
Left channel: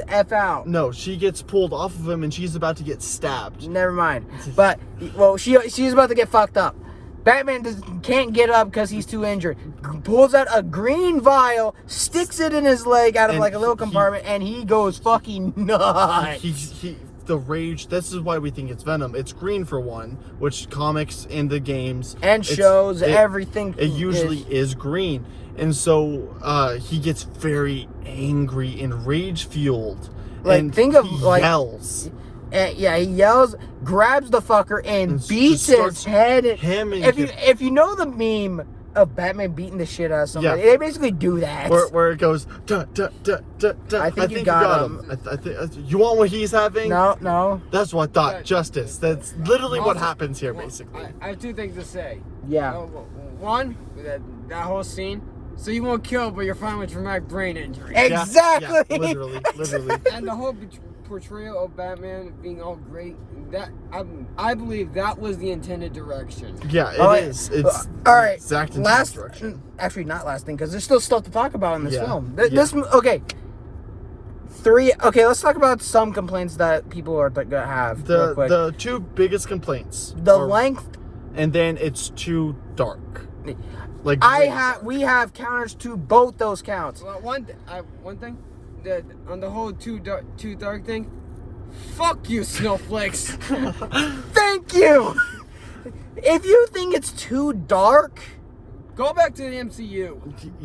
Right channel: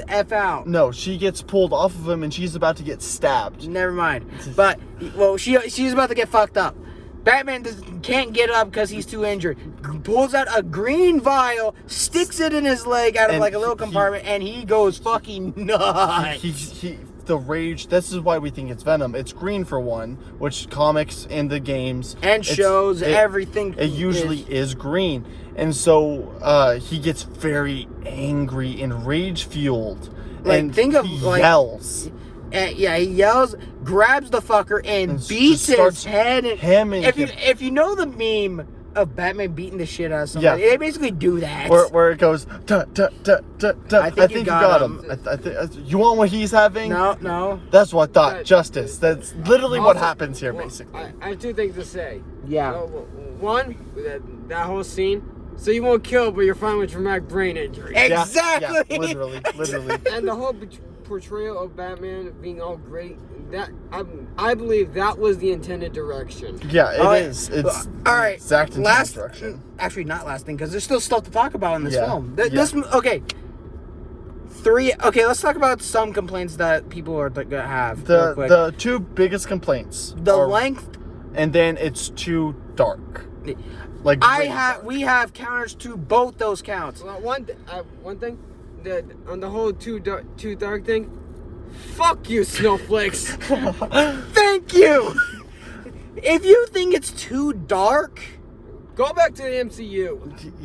F out. No, she gets pulled off of him and she's about to get stabbed. Never mind. But, well, she's about to get fucked up. Batman can't get up because he's too injured. Pulls out a green vial, sticks it in his leg out of like a little compartment, and he goes fucking nuts. The rage, this is why we think it's Venom. It's green for one, which comics and the games and shows everything. It usually is green. And so he gets very angry and rage fueled. Like, and think of he like yells. Yeah, he yells, grabs the fucker, and beats his head. If you know the meme of Batman beating the shit out of somebody, they basically do that. Where it goes, duh, duh, duh, duh, duh. I think you got him. You want what he's having? No. That's what I thought. Justice. That's literally what happens here, basically. I have two things to say. Yeah. One, that whole scene. So you won't kill, but you're fine with traumatic brain injury. Exactly. Yeah, literally. And the whole portrayal of Batman being all great, that I believe that was the intended direction. Yeah, it is. It's all right. Exact direction. Actually, not last thing, because there's still stuff to talk about in this film. Let's talk about some complaints that people are gonna have. The two biggest complaints. The length, and then it's too dark. We have counters to both those counts. Well, one thing, on the whole too dark thing, fuck you, snowflakes. Thank you. If you think it's too dark, go back to the MCU.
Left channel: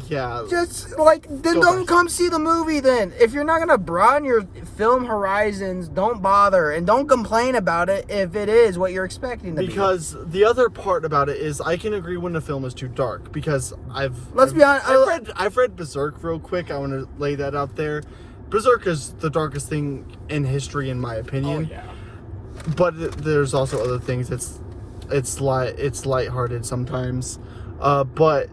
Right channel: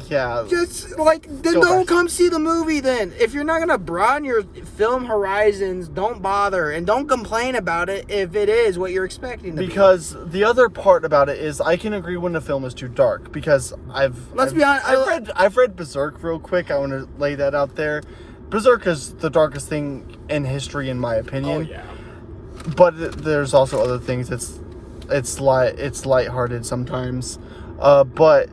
Yeah. Just then don't come see the movie then. If you're not gonna broaden your film horizons, don't bother and don't complain about it if it is what you're expecting to be. Because the other part about it is I can agree when the film is too dark because be honest, I've read Berserk real quick. I want to lay that out there. Berserk is the darkest thing in history in my opinion. Oh yeah. But there's also other things. It's lighthearted sometimes. But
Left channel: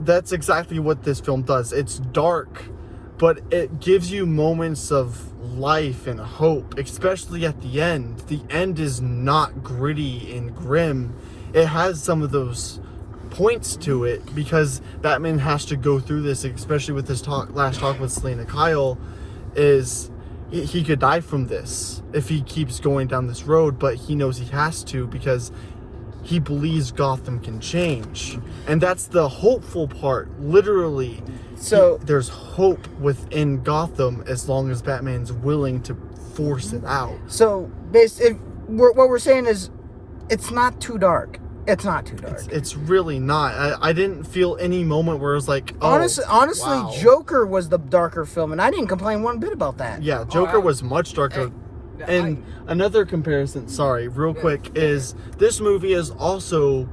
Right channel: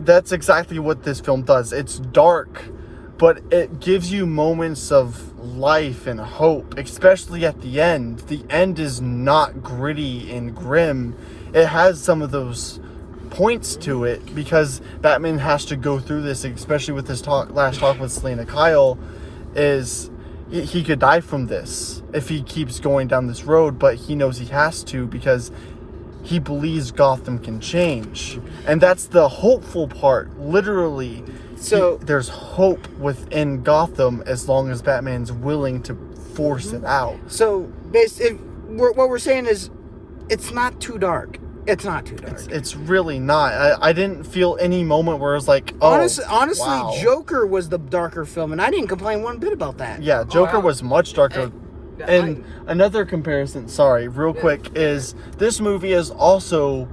that's exactly what this film does. It's dark, but it gives you moments of life and hope, especially at the end. The end is not gritty and grim. It has some of those points to it because Batman has to go through this, especially with this last talk with Selena Kyle, is he could die from this if he keeps going down this road, but he knows he has to because he believes Gotham can change. And that's the hopeful part, literally. So there's hope within Gotham as long as Batman's willing to force it out. So what we're saying is it's not too dark. It's not too dark. It's really not. I didn't feel any moment where it was like, oh, honestly, wow. Joker was the darker film, and I didn't complain one bit about that. Yeah, Joker was much darker. And another comparison, real quick, is this movie is also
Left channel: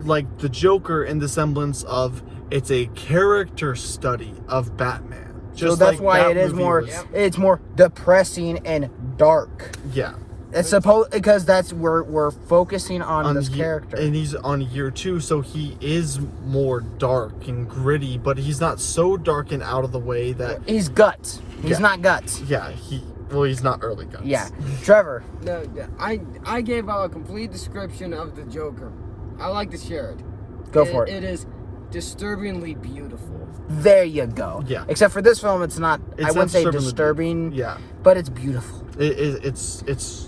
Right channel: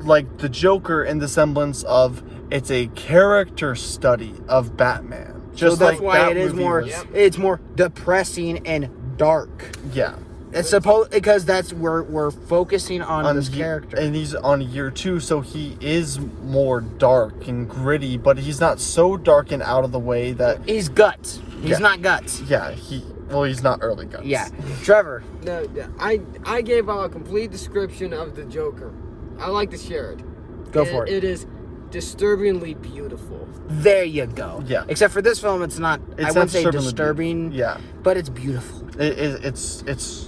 like the Joker in the semblance of it's a character study of Batman. So that's why it is more. It's more depressing and dark. Yeah. It's supposed because that's where we're focusing on this character, and he's on year 2, so he is more dark and gritty, but he's not so dark and out of the way that he's guts. He's not guts. Yeah, he's not early guts. Yeah, Trevor. No, I gave out a complete description of the Joker. I like to share it. Go for it. It is disturbingly beautiful. There you go. Yeah. Except for this film, it's not. I It's wouldn't say disturbingly disturbing. Yeah. But it's beautiful. It's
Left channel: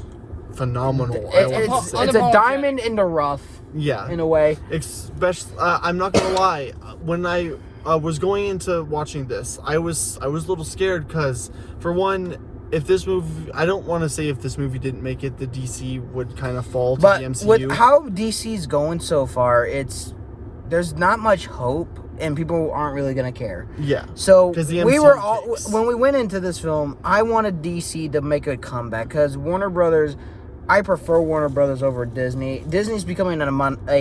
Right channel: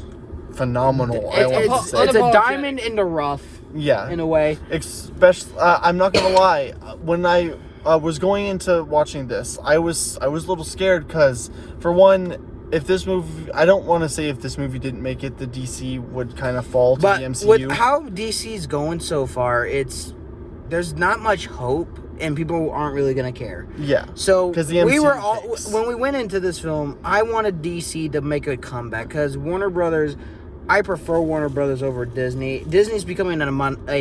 phenomenal. I It's, want to say. it's a Unapologetic. diamond in the rough, Yeah. in a way. Especially, I'm not gonna lie. When I was going into watching this, I was a little scared because, for one, if this movie, I don't want to say if this movie didn't make it, the DC would kind of fall to But the MCU. with how DC's going so far, there's not much hope, and people aren't really gonna care. Yeah. So 'Cause the we MCU were all takes- when we went into this film. I wanted DC to make a comeback because Warner Brothers. I prefer Warner Brothers over Disney. Disney's becoming a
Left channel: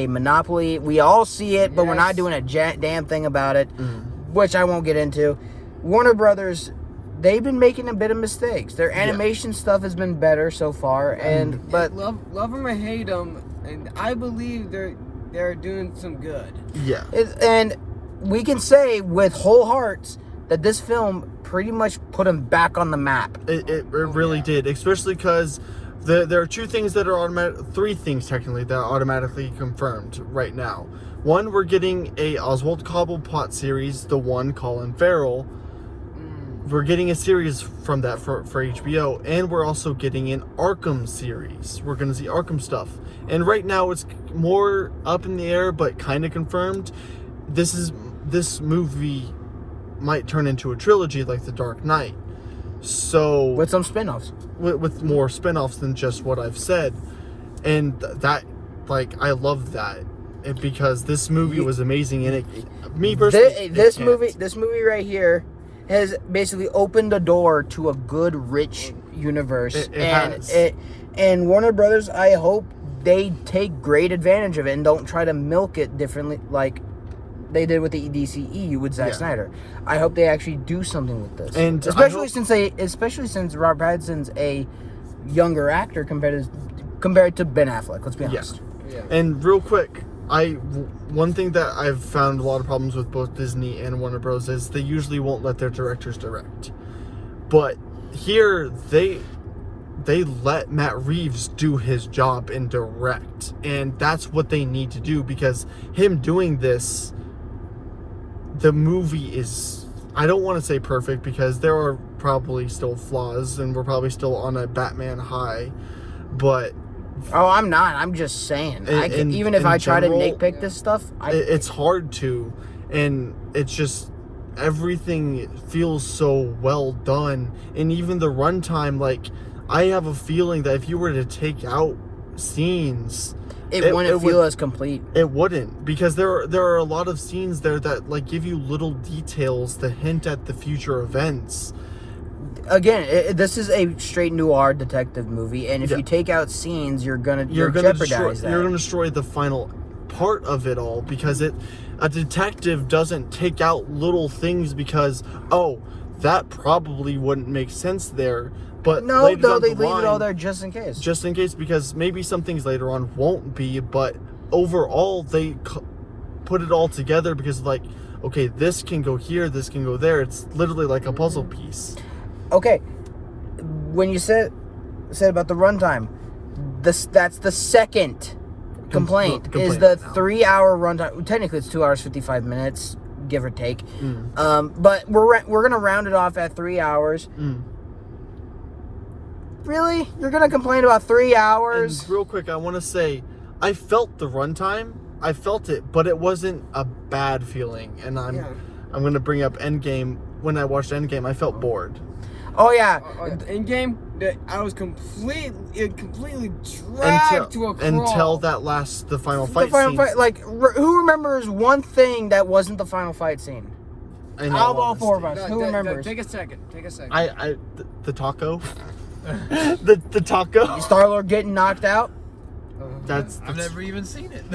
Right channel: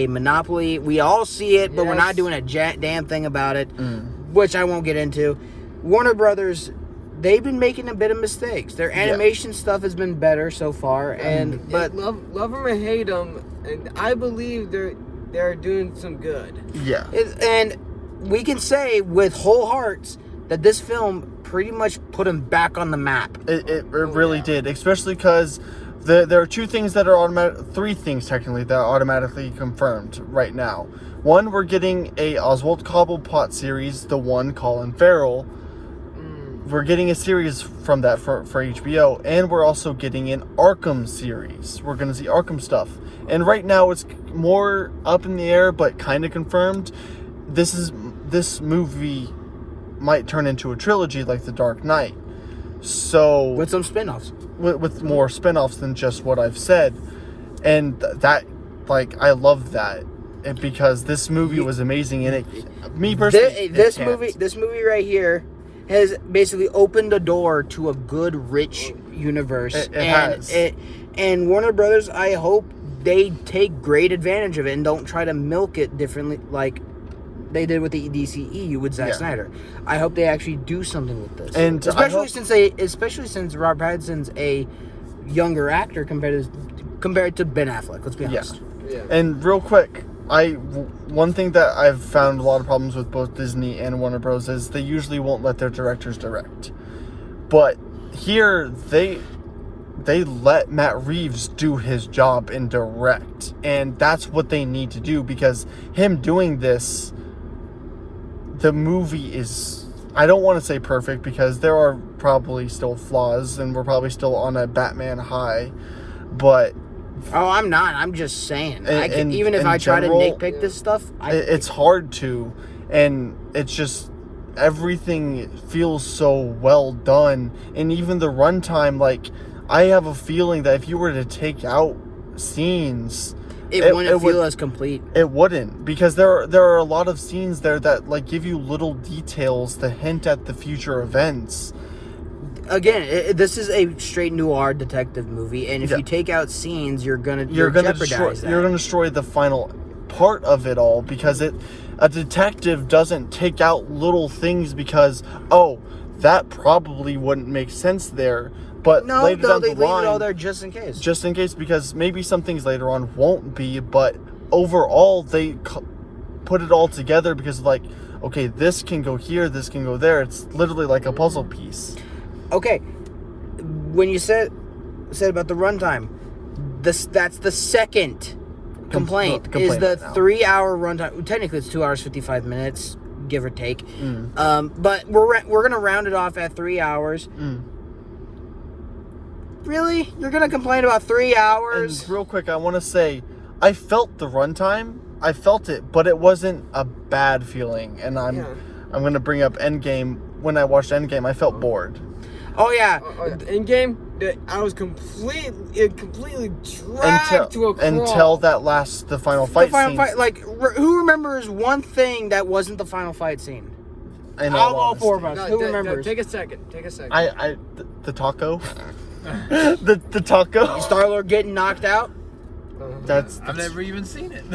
monopoly. We all see it, but we're not Yes. doing a damn thing about it, which I won't get into. Warner Brothers, they've been making a bit of mistakes. Their animation stuff has been better so far, but love them or hate them, and I believe they're doing some good. Yeah. and we can say with whole hearts that this film pretty much put them back on the map. It really yeah. did, especially because there are two things that are three things technically that are automatically confirmed right now. One, we're getting a Oswald Cobblepot series, the one Colin Farrell. We're getting a series from that for HBO, and we're also getting an Arkham series. We're going to see Arkham stuff. And right now it's more up in the air, but kind of confirmed. This movie might turn into a trilogy like The Dark Knight. So With some spin-offs. with more spin-offs than just what I've said. And that, like, I love that. Because this movie was amazing, and me personally, This movie right here has basically opened the door to a good, rich universe, It and has. and Warner Brothers. I hope they take great advantage of it and don't try to milk it differently, like they did with the DCEU with Zack Yeah. Snyder. I hope they actually do something with this, And I especially hope- since Robert Pattinson's a younger actor compared to Ben Affleck. Let's be honest. Yeah. And real quick, one thing that I've found a lot of problems with both Disney and Warner Bros. Is they usually won't let their directors direct. But here, they let Matt Reeves do his job and direct. And that's what they need to do, because him doing this, the movie is, I don't want to say perfect, because there are probably still flaws, and we're probably still on a Batman high. But Oh, I'm not. I'm just saying. Even if in I try general, to nitpick this stuff, it's hard to, and it's just everything feels so well done. And even the runtime, like, I have a feeling that if you were to take out scenes, it wouldn't feel would- as complete. it wouldn't, because there are a lot of scenes there that, like, give you little details to hint at the future events. Again, this is a straight noir detective movie, and if Yeah. you take out scenes, you're gonna You're jeopardize that. You're gonna destroy the final part of it all, because a detective doesn't take out little things because, oh, that probably wouldn't make sense there. But no, later down they the leave it all line, there just in case. just in case, because maybe some things later on won't be, but overall they put it all together because, like, okay, this can go here, this can go there. It's literally like a puzzle piece. Okay, when you said about the runtime, that's the second complaint is the now. 3-hour runtime. Technically, it's 2 hours 55 minutes, give or take. But we're gonna round it off at 3 hours. Really, you're gonna complain about 3 hours? And real quick, I want to say, I felt the runtime. I felt it, but it wasn't a bad feeling. And I'm gonna bring up Endgame. When I watched Endgame, I felt bored. Oh yeah, In game, I was completely dragged to a crawl. until the final fight. the final scene. fight. Like, who remembers one thing that wasn't the final fight scene? In Out of all honesty. four of us, No, who remembers? Take a second. The taco. the taco. Star-Lord getting knocked out. That's I've never even seen it.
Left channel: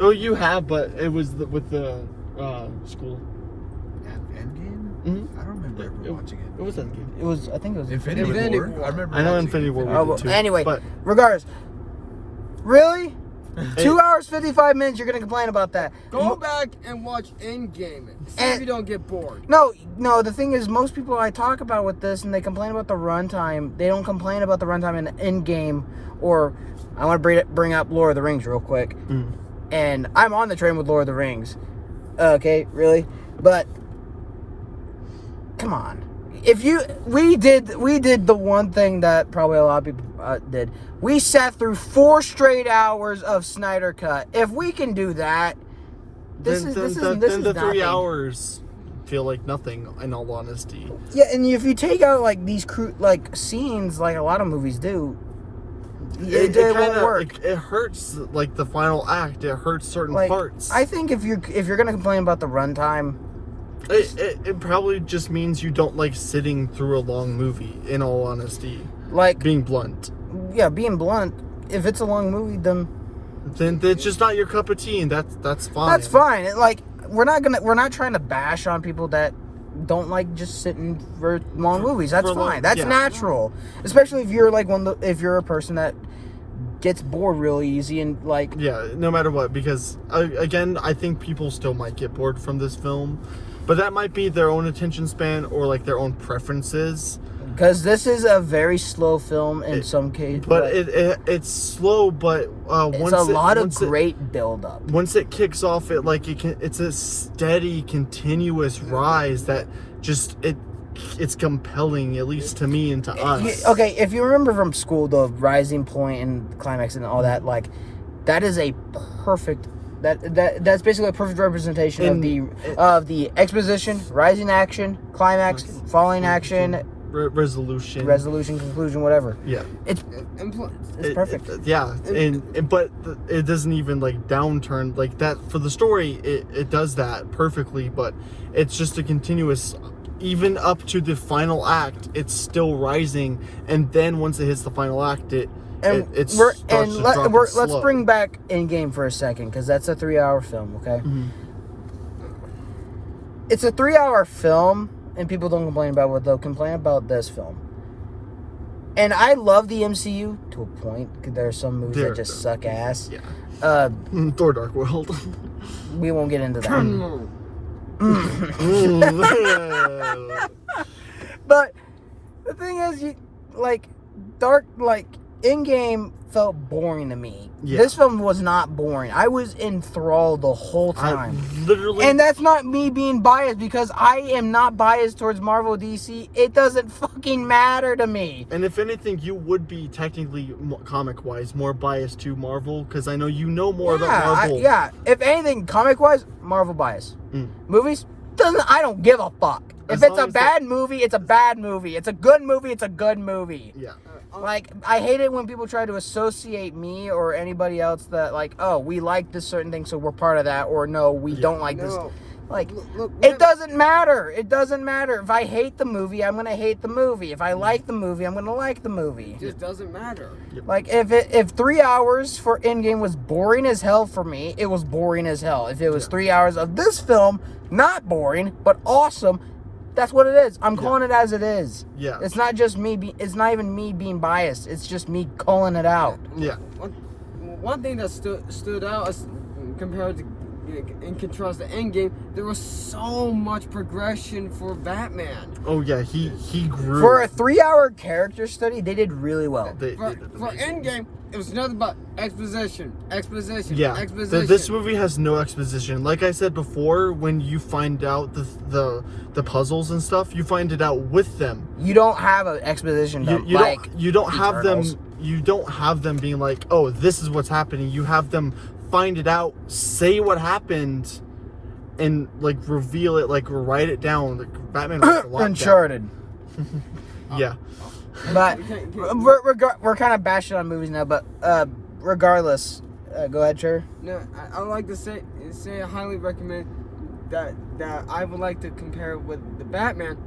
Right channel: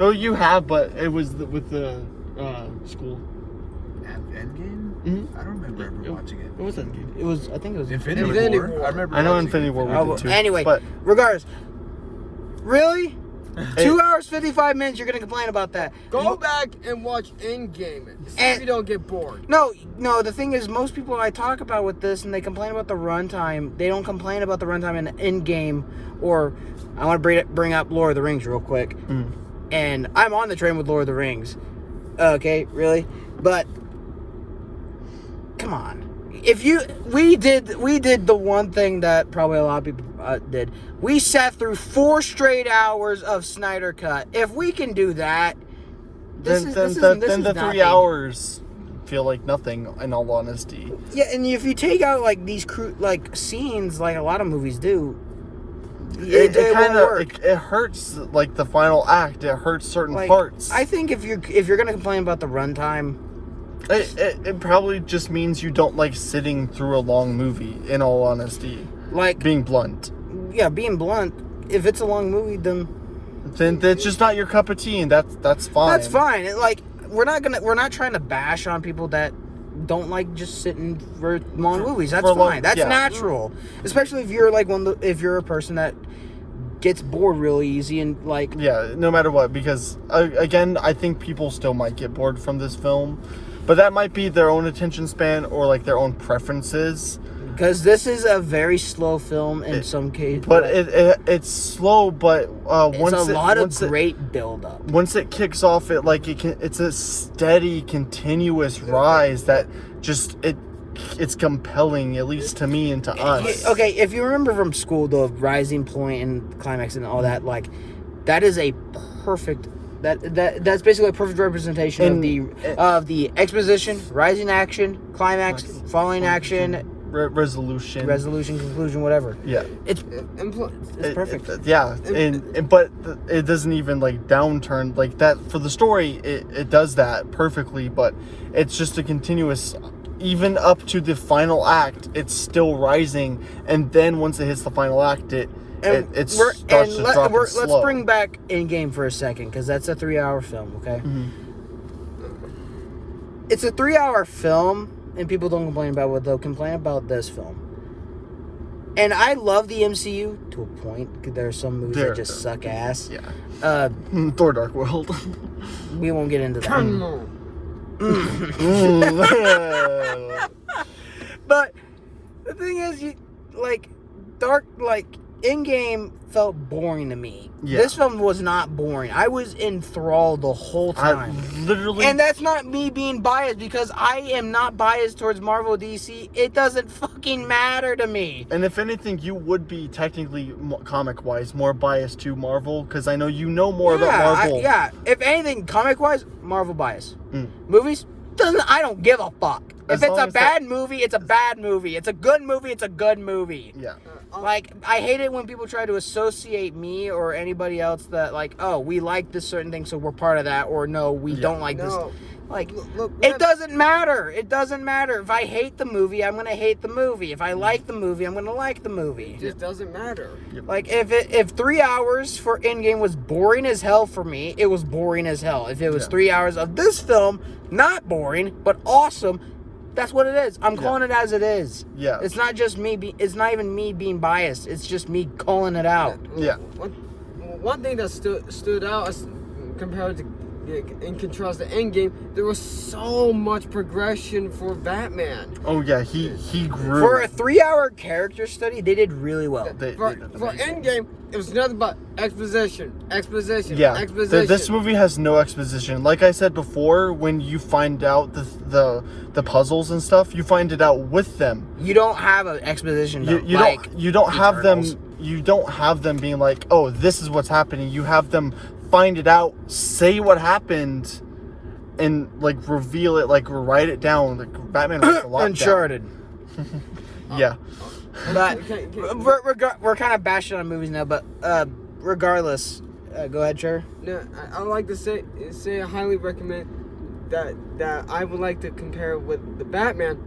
Oh, you have, but it was with the school. Endgame? Mhm. I don't remember ever watching it. It was Endgame. It was. I think it was Infinity War. I remember. I know watching Infinity War. Oh, We well, did too. anyway, but regardless. Really? 2 hours 55 minutes. You're gonna complain about that? Go back and watch Endgame. See if you don't get bored. No. The thing is, most people I talk about with this, and they complain about the runtime. They don't complain about the runtime in Endgame, or I want to bring up Lord of the Rings real quick. And I'm on the train with Lord of the Rings. Okay, really? But come on. We did the one thing that probably a lot of people did. We sat through 4 straight hours of Snyder Cut. If we can do that, this is the 3 nothing. hours feel like nothing. In all honesty, Yeah, and if you take out like these scenes, like a lot of movies do, it won't kinda, work. It hurts like the final act. It hurts certain Like, parts. I think if you're gonna complain about the runtime, It probably just means you don't like sitting through a long movie. In all honesty, like being blunt, yeah, being blunt, if it's a long movie, then then it's just not your cup of tea, and that's fine. that's fine. Like we're not trying to bash on people that don't like just sitting for long movies. That's for long- fine. That's yeah. natural, especially if you're like if you're a person that gets bored really easy and like Yeah, no matter what, because again, I think people still might get bored from this film, but that might be their own attention span or like their own preferences. because this is a very slow film in some cases. But it's slow, but it's a lot of great build up. Once it kicks off, it's a steady, continuous rise that just it's compelling, at least to me and to us. Okay, if you remember from school, the rising point and climax and all that, like that is a perfect. That's basically a perfect representation of the exposition, rising action, climax, falling action, resolution, conclusion, whatever. Yeah, It's perfect. But it doesn't even like downturn like that for the story. It does that perfectly, but it's just a continuous. Even up to the final act, it's still rising, and then once it hits the final act, let's bring back Endgame for a second, because that's a 3-hour film. Okay, It's a 3-hour film, and people don't complain about what they'll complain about this film. And I love the MCU to a point, because there are some movies that just suck ass. Yeah. Thor: Dark World. We won't get into that. But the thing is, Endgame felt boring to me. Yeah. This film was not boring. I was enthralled the whole time. And that's not me being biased, because I am not biased towards Marvel or DC. It doesn't fucking matter to me. And if anything, you would be technically comic-wise more biased to Marvel, because I know you know more about Marvel. If anything, comic-wise, Marvel bias. Movies, I don't give a fuck. If it's a bad movie, it's a bad movie. It's a good movie, it's a good movie. Yeah. Like, I hate it when people try to associate me or anybody else that, like, oh, we like this certain thing, so we're part of that, or no, we don't like this. Like, it doesn't matter. It doesn't matter. If I hate the movie, I'm going to hate the movie. If I like the movie, I'm going to like the movie. It just doesn't matter. Like, if 3 hours for Endgame was boring as hell for me, it was boring as hell. If it was 3 hours of this film, not boring, but awesome, that's what it is. I'm calling it as it is. Yeah. It's not just me. It's not even me being biased. It's just me calling it out. Yeah. One thing that stood out as compared to, in contrast to Endgame, there was so much progression for Batman. Oh yeah, he grew. For a 3-hour character study, they did really well. For Endgame, it was nothing but exposition. Yeah, this movie has no exposition. Like I said before, when you find out the puzzles and stuff, you find it out with them. You don't have an exposition. You don't have them. You don't have them being like, oh, this is what's happening. You have them find it out, say what happened, and like reveal it, like write it down. Like Batman writes a lot Uncharted. Yeah. But we're kind of bashing on movies now. But regardless, go ahead, sure. No, I would like to say I highly recommend that I would like to compare with the Batman,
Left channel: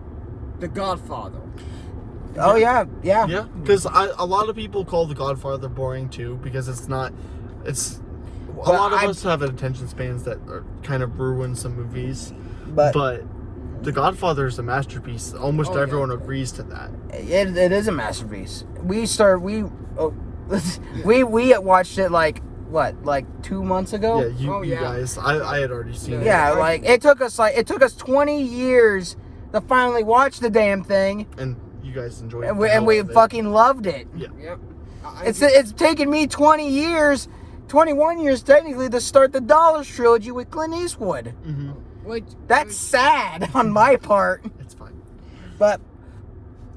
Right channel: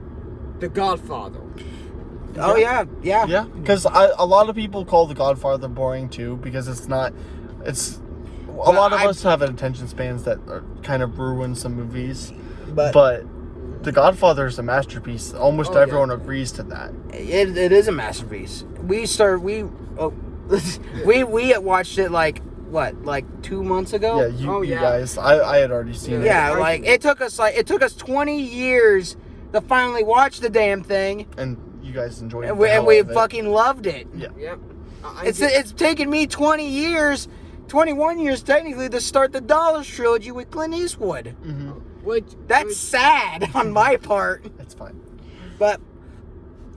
The Godfather. Oh yeah. Because a lot of people call The Godfather boring too, because it's not. It's a lot of us have attention spans that kind of ruin some movies, but The Godfather is a masterpiece. Almost everyone agrees to that. It is a masterpiece. We watched it like 2 months ago. Yeah, you guys. I had already seen it. Yeah, like it took us 20 years to finally watch the damn thing, and you guys enjoyed it. And we fucking loved it. Yeah. Yep. It's taken me 20 years 21 years technically to start the Dollars trilogy with Clint Eastwood. That's sad on my part. It's fine. But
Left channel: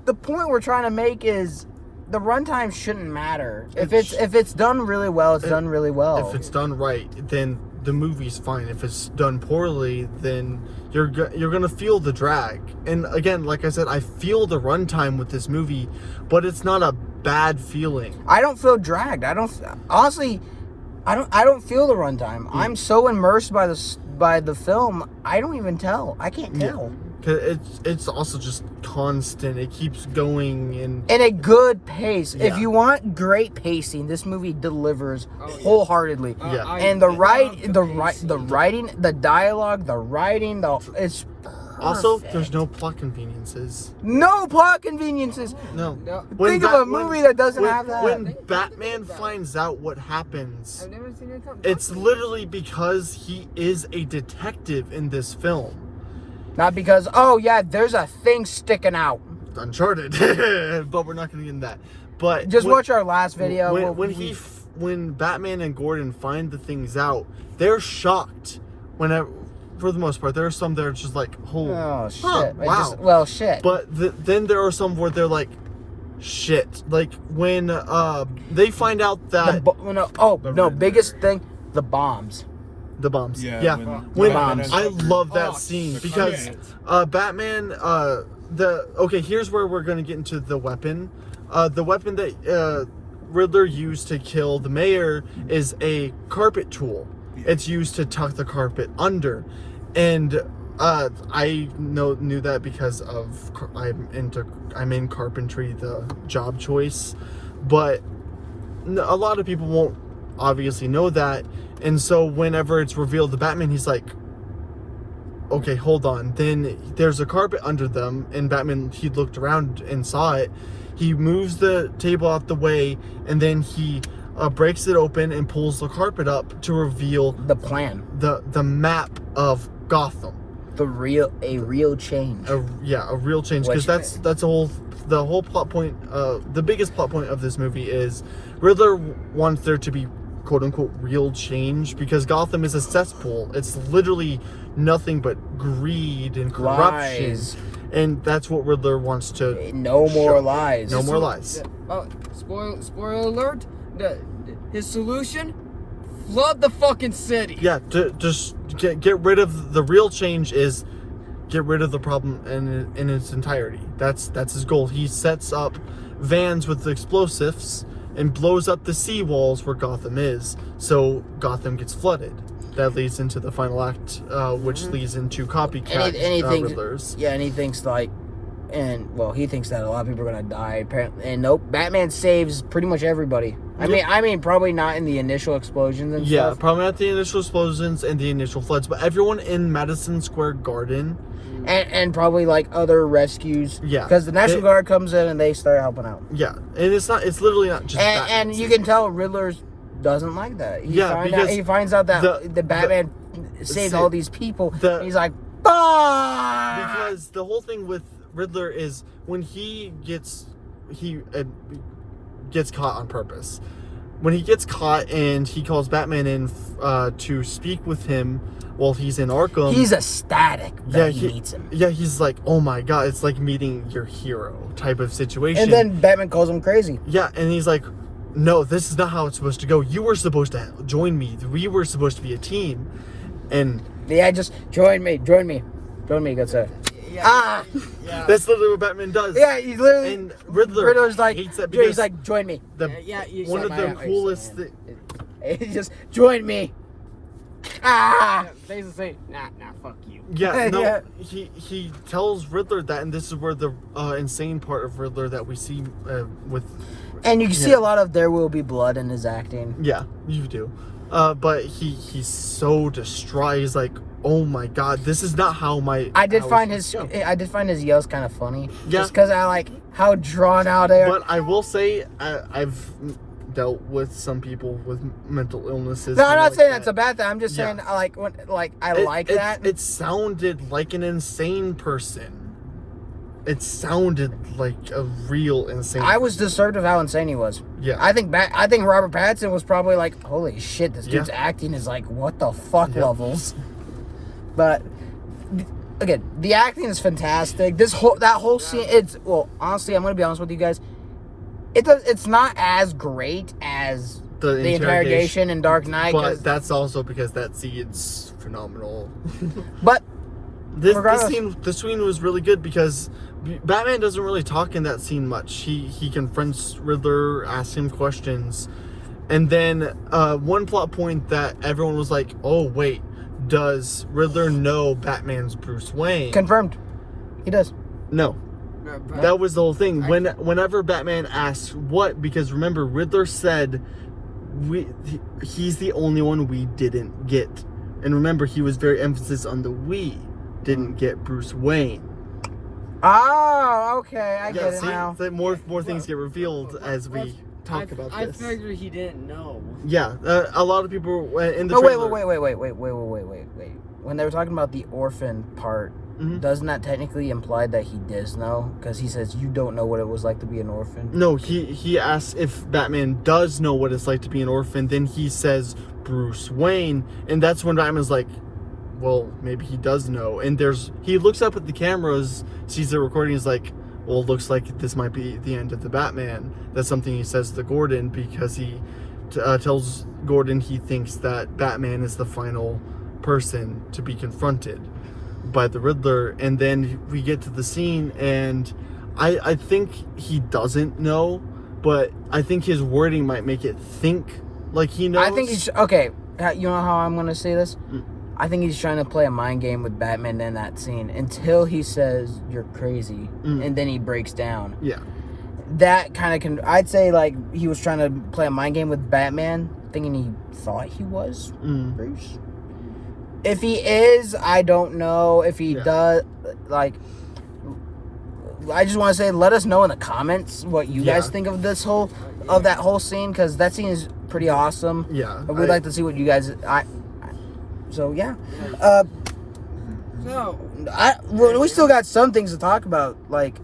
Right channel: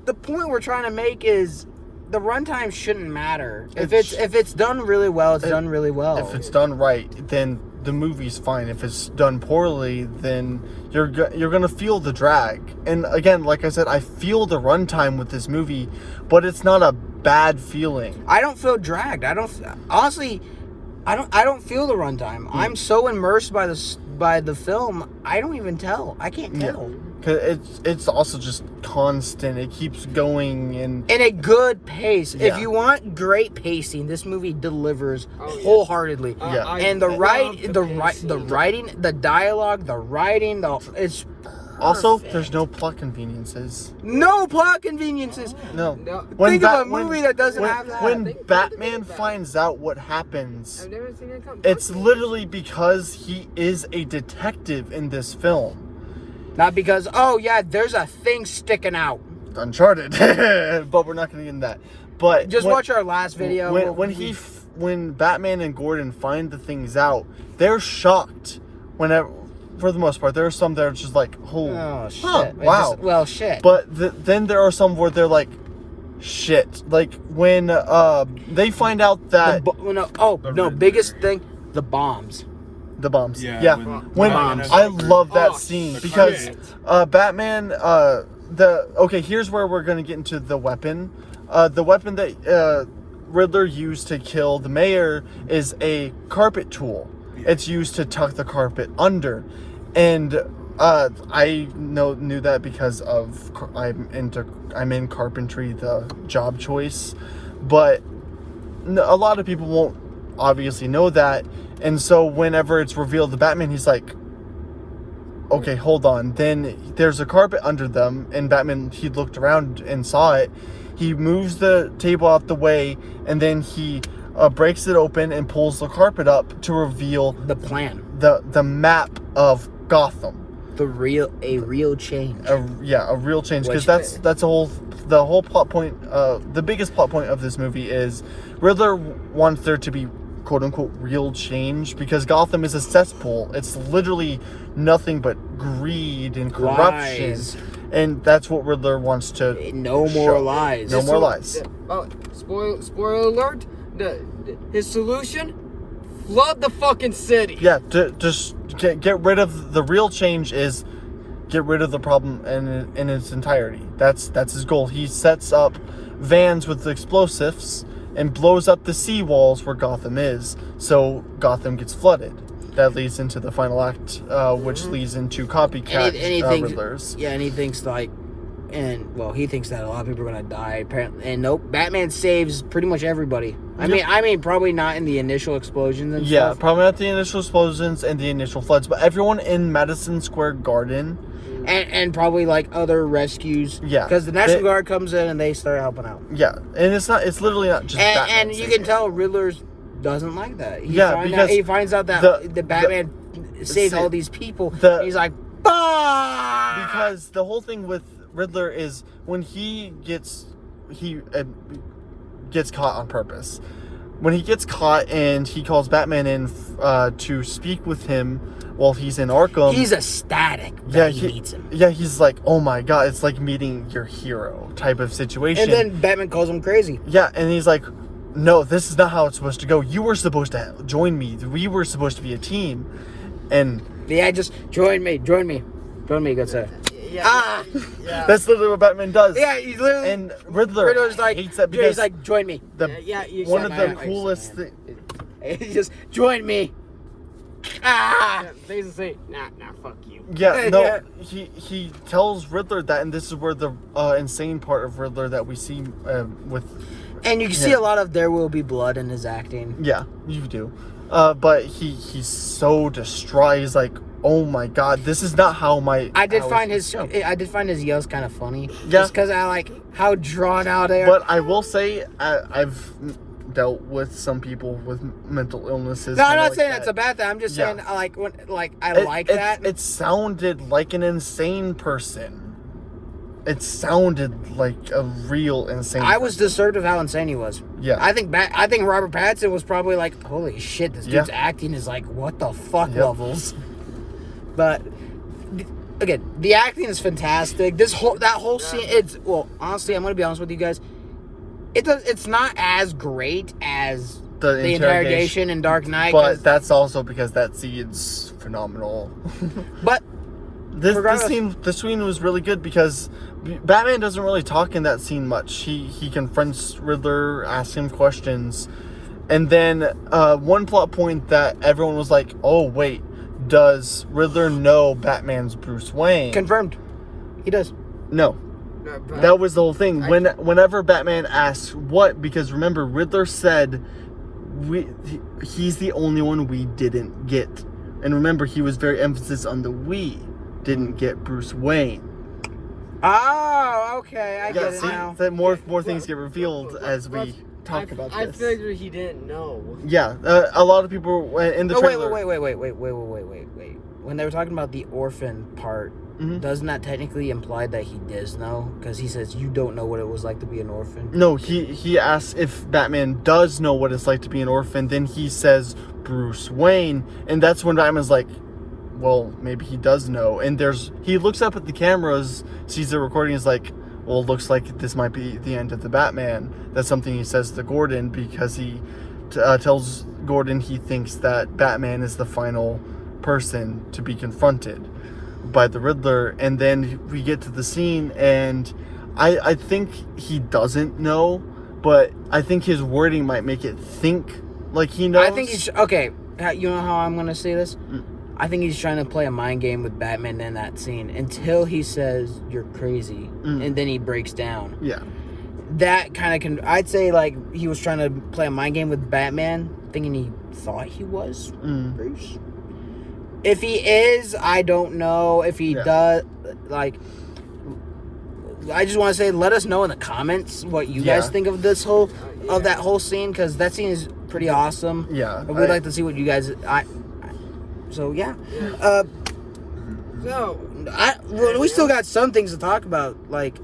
the point we're trying to make is the runtime shouldn't matter. If it's done really well, it's done really well. If it's done right, then the movie's fine. If it's done poorly, then you're gonna feel the drag. And again, like I said, I feel the runtime with this movie, but it's not a bad feeling. I don't feel dragged. I don't feel the runtime. I'm so immersed by the film, I don't even tell. I can't tell. Cause it's also just constant. It keeps going and In a good pace. Yeah. If you want great pacing, this movie delivers wholeheartedly. Yeah. And the writing, the dialogue, the writing, it's also perfect. there's no plot conveniences. No plot conveniences. No. Think of a movie that doesn't have that. When Batman finds out what happens, I've never seen it come. it's literally because he is a detective in this film. Not because, oh yeah, there's a thing sticking out. Uncharted, but we're not going to get into that. But Just watch our last video. When Batman and Gordon find the things out, they're shocked. Whenever, for the most part, there are some that are just like, Oh shit! wow. Shit. But then there are some where they're like, shit. Like when they find out that biggest thing, the bombs. the bombs. Yeah, When bombs. I love that Oh, scene shit. because Batman. Here's where we're gonna get into the weapon. The weapon that Riddler used to kill the mayor is a carpet tool. It's used to tuck the carpet under, and I knew that because of I'm in carpentry, the job choice, but a lot of people won't obviously know that, and so whenever it's revealed to Batman, he's like, okay, hold on. Then there's a carpet under them, and Batman, he looked around and saw it. He moves the table out the way, and then he breaks it open and pulls the carpet up to reveal The plan. the map of Gotham. A real change. A real change, because Which- that's the whole plot point. The biggest plot point of this movie is Riddler wants there to be quote unquote real change, because Gotham is a cesspool. It's literally nothing but greed and corruption. Lies. And that's what Riddler wants to No more show. lies. No more lies. Spoiler alert. His solution: flood the fucking city. Yeah, to just get rid of the real change is get rid of the problem in its entirety. That's his goal. He sets up vans with explosives and blows up the seawalls where Gotham is, so Gotham gets flooded. That leads into the final act, which leads into copycat Riddlers. Yeah, and he thinks like, he thinks that a lot of people are gonna die. Apparently, and nope, Batman saves pretty much everybody. I mean, probably not in the initial explosions and Yeah, stuff. probably not the initial explosions and the initial floods, but everyone in Madison Square Garden. And probably like other rescues. Yeah. Because the National Guard comes in and they start helping out. Yeah, and it's literally not just Batman And you can tell Riddler's doesn't like that. because He finds out that the Batman saved all these people. He's like, bah! Because the whole thing with Riddler is when he gets caught on purpose. When he gets caught and he calls Batman in to speak with him while he's in Arkham, he's ecstatic that he meets him. Yeah, he's like, oh my god, it's like meeting your hero type of situation. And then Batman calls him crazy. Yeah, and he's like, no, this is not how it's supposed to go. You were supposed to join me. We were supposed to be a team. And yeah, just join me, good sir. Yeah. that's literally what Batman does. Yeah, he's literally. And Riddler's like, hates that because he's like, join me. One of the coolest He's just join me. They say, nah, fuck you. Yeah, no, Yeah. he tells Riddler that, and this is where the insane part of Riddler that we see with. And you can see a lot of there will be blood in his acting. Yeah, you do. But he's so distraught. He's like, oh my god, this is not how my. I did find his yells kind of funny. Yeah. Just because I like how drawn out they are. But I will say, I've dealt with some people with mental illnesses. No, I'm not like saying that. that's a bad thing. I'm just saying like when I like It- that. It sounded like an insane person. it sounded like a real insane. I was disturbed of how insane he was. Yeah. I think Robert Pattinson was probably like, holy shit, this dude's Yeah. acting is like, what the fuck Yep. levels. But again, the acting is fantastic. That whole scene, honestly, I'm gonna be honest with you guys. It's not as great as the interrogation in Dark Knight, but that's also because that scene's phenomenal. but This regardless- scene was really good because Batman doesn't really talk in that scene much. He confronts Riddler, asks him questions, and then one plot point that everyone was like, "Oh wait, does Riddler know Batman's Bruce Wayne?" confirmed, he does. No, No, but- that was the whole thing. Whenever Batman asks what, because remember Riddler said he's the only one we didn't get, and remember he was very emphasis on the we didn't get Bruce Wayne. Oh, okay, I get it see, now. that more things get revealed as we Well, talk about I this. figured he didn't know. Yeah, a lot of people in the Oh, trailer. wait. When they were talking about the orphan part, Mhm. doesn't that technically imply that he does know? Because he says, you don't know what it was like to be an orphan. No, he asks if Batman does know what it's like to be an orphan. Then he says Bruce Wayne, and that's when Batman's like, well, maybe he does know. And he looks up at the cameras, sees the recording, is like, well, it looks like this might be the end of the Batman. That's something he says to Gordon because he tells Gordon he thinks that Batman is the final person to be confronted by the Riddler. And then we get to the scene, and I think he doesn't know, but I think his wording might make it think like he knows. I think he's... Okay, you know how I'm going to say this? Mm. I think he's trying to play a mind game with Batman in that scene until he says, you're crazy. Mm. And then he breaks down. Yeah. That kind of... I'd say, like, he was trying to play a mind game with Batman, thinking he thought he was Mm. Bruce. If he is, I don't know. If he does, like... I just want to say, let us know in the comments what you guys think of this whole... of that whole scene, because that scene is pretty awesome. Yeah. And we'd like to see what you guys... So, yeah. So, We still got some things to talk about, like...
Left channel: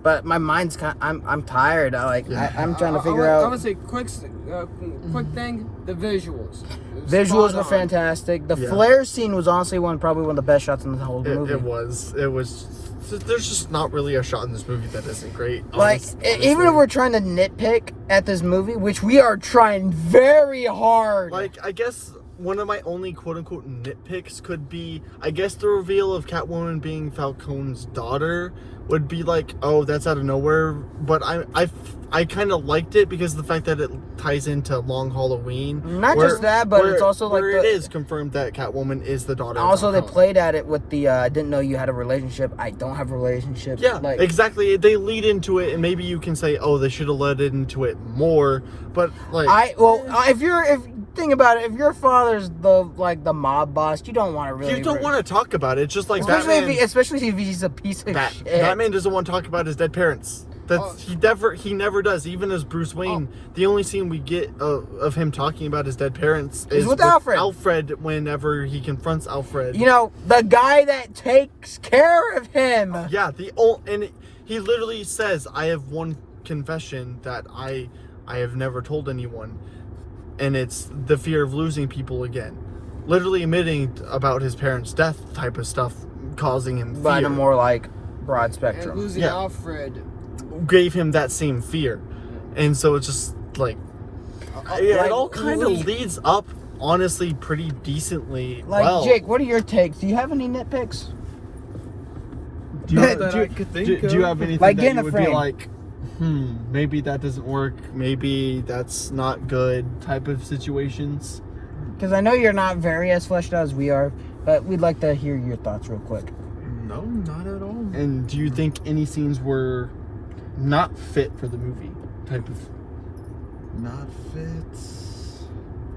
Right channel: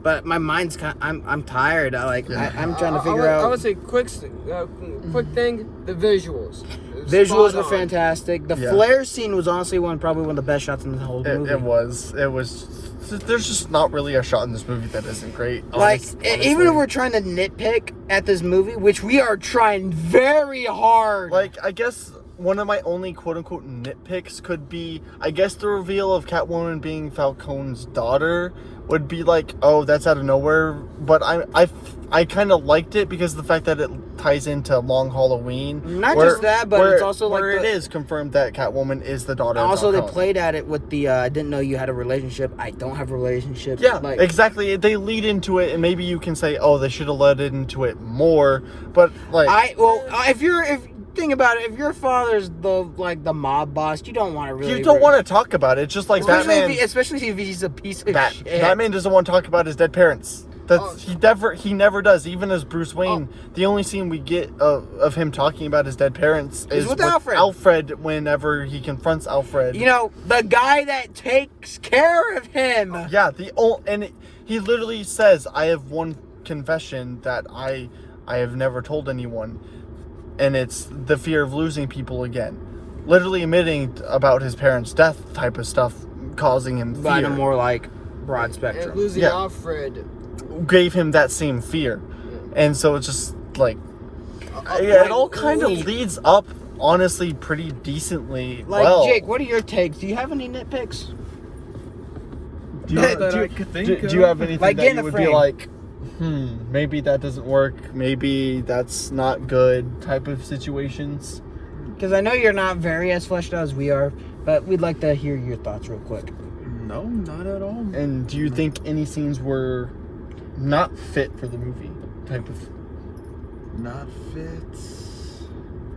But my mind's kind. I'm tired. I'm trying to figure I out. would say quick thing. The visuals. Visuals Spot were on. fantastic. The Yeah. flare scene was honestly probably one of the best shots in the whole movie. It was. There's just not really a shot in this movie that isn't great. Like, honestly. even if we're trying to nitpick at this movie, which we are trying very hard. Like, I guess one of my only quote-unquote nitpicks could be, I guess the reveal of Catwoman being Falcone's daughter would be like, oh, that's out of nowhere. But I kind of liked it because of the fact that it ties into Long Halloween. Not just that, but it's also like where it the- is confirmed that Catwoman is the daughter. also, of they Falcone. played at it with the I didn't know you had a relationship. I don't have a relationship. Yeah, like exactly. They lead into it, and maybe you can say, oh, they should have led into it more. But like, if think about it, if your father's the mob boss, you don't want to really. you don't want to talk about it. It's just like Batman. Especially if he's a piece of shit. Batman doesn't want to talk about his dead parents. He never does. Even as Bruce Wayne, the only scene we get of him talking about his dead parents is with Alfred. Alfred, whenever he confronts Alfred. You know, the guy that takes care of him. Yeah, and he literally says, "I have one confession that I have never told anyone, and it's the fear of losing people again." Literally admitting about his parents' death type of stuff, causing him fear. But in a more like broad And spectrum. losing Yeah. Alfred. Gave him that same fear, and so it's just like, yeah, it all kind of leads up, honestly, pretty decently. Like, well. Jake, what are your takes? Do you have any nitpicks? Do you, That I could think do you of. have anything Like, that get in you the would frame. be like, maybe that doesn't work, maybe that's not good type of situations? Because I know you're not very as fleshed out as we are, but we'd like to hear your thoughts real quick. No, not at all. And do you think any scenes were not fit for the movie type of? Not fit.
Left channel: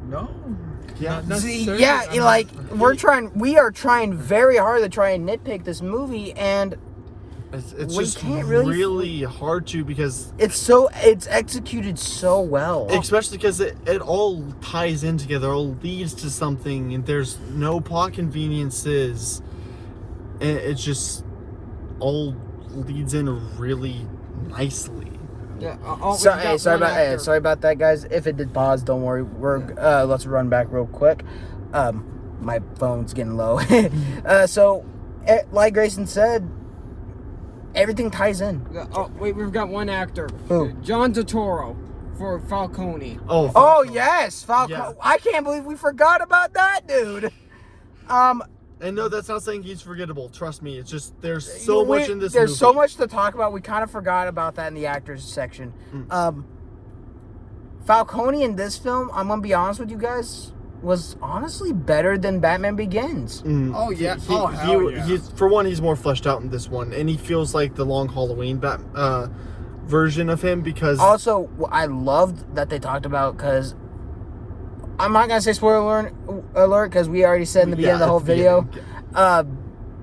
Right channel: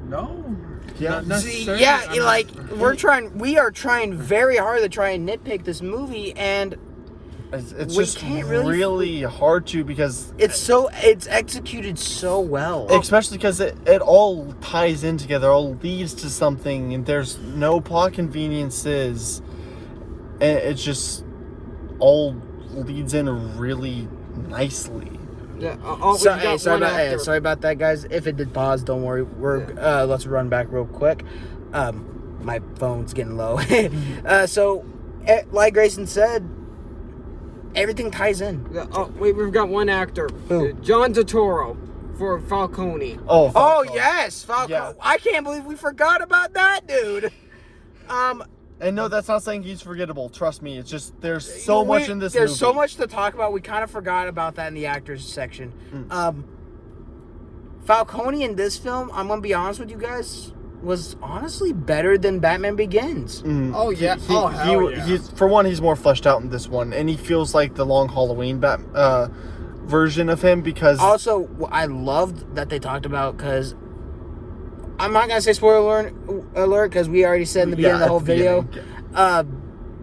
No. Yeah. Not See, necessarily. yeah, I'm like not- we are trying very hard to try and nitpick this movie, and It's We just can't really hard to, because it's executed so well. especially because it all ties in together, all leads to something, and there's no plot conveniences, and it's just all leads in really nicely. Yeah, Sorry about that, guys. If it did pause, don't worry. Let's run back real quick. My phone's getting low. Like Grayson said, everything ties in. Wait, we've got one actor. Who? John Turturro for Falcone. Oh, Oh yes, Falcone. Yeah. I can't believe we forgot about that dude. And no, that's not saying he's forgettable. Trust me. It's just there's so much in this movie. There's so much to talk about. We kind of forgot about that in the actors section. Falcone in this film, I'm gonna be honest with you guys, was honestly better than Batman Begins. Oh, yeah. For one, he's more fleshed out in this one, and he feels like the Long Halloween version of him because Also, I loved that they talked about, because I'm not gonna say spoiler alert because we already said in the beginning of the whole video.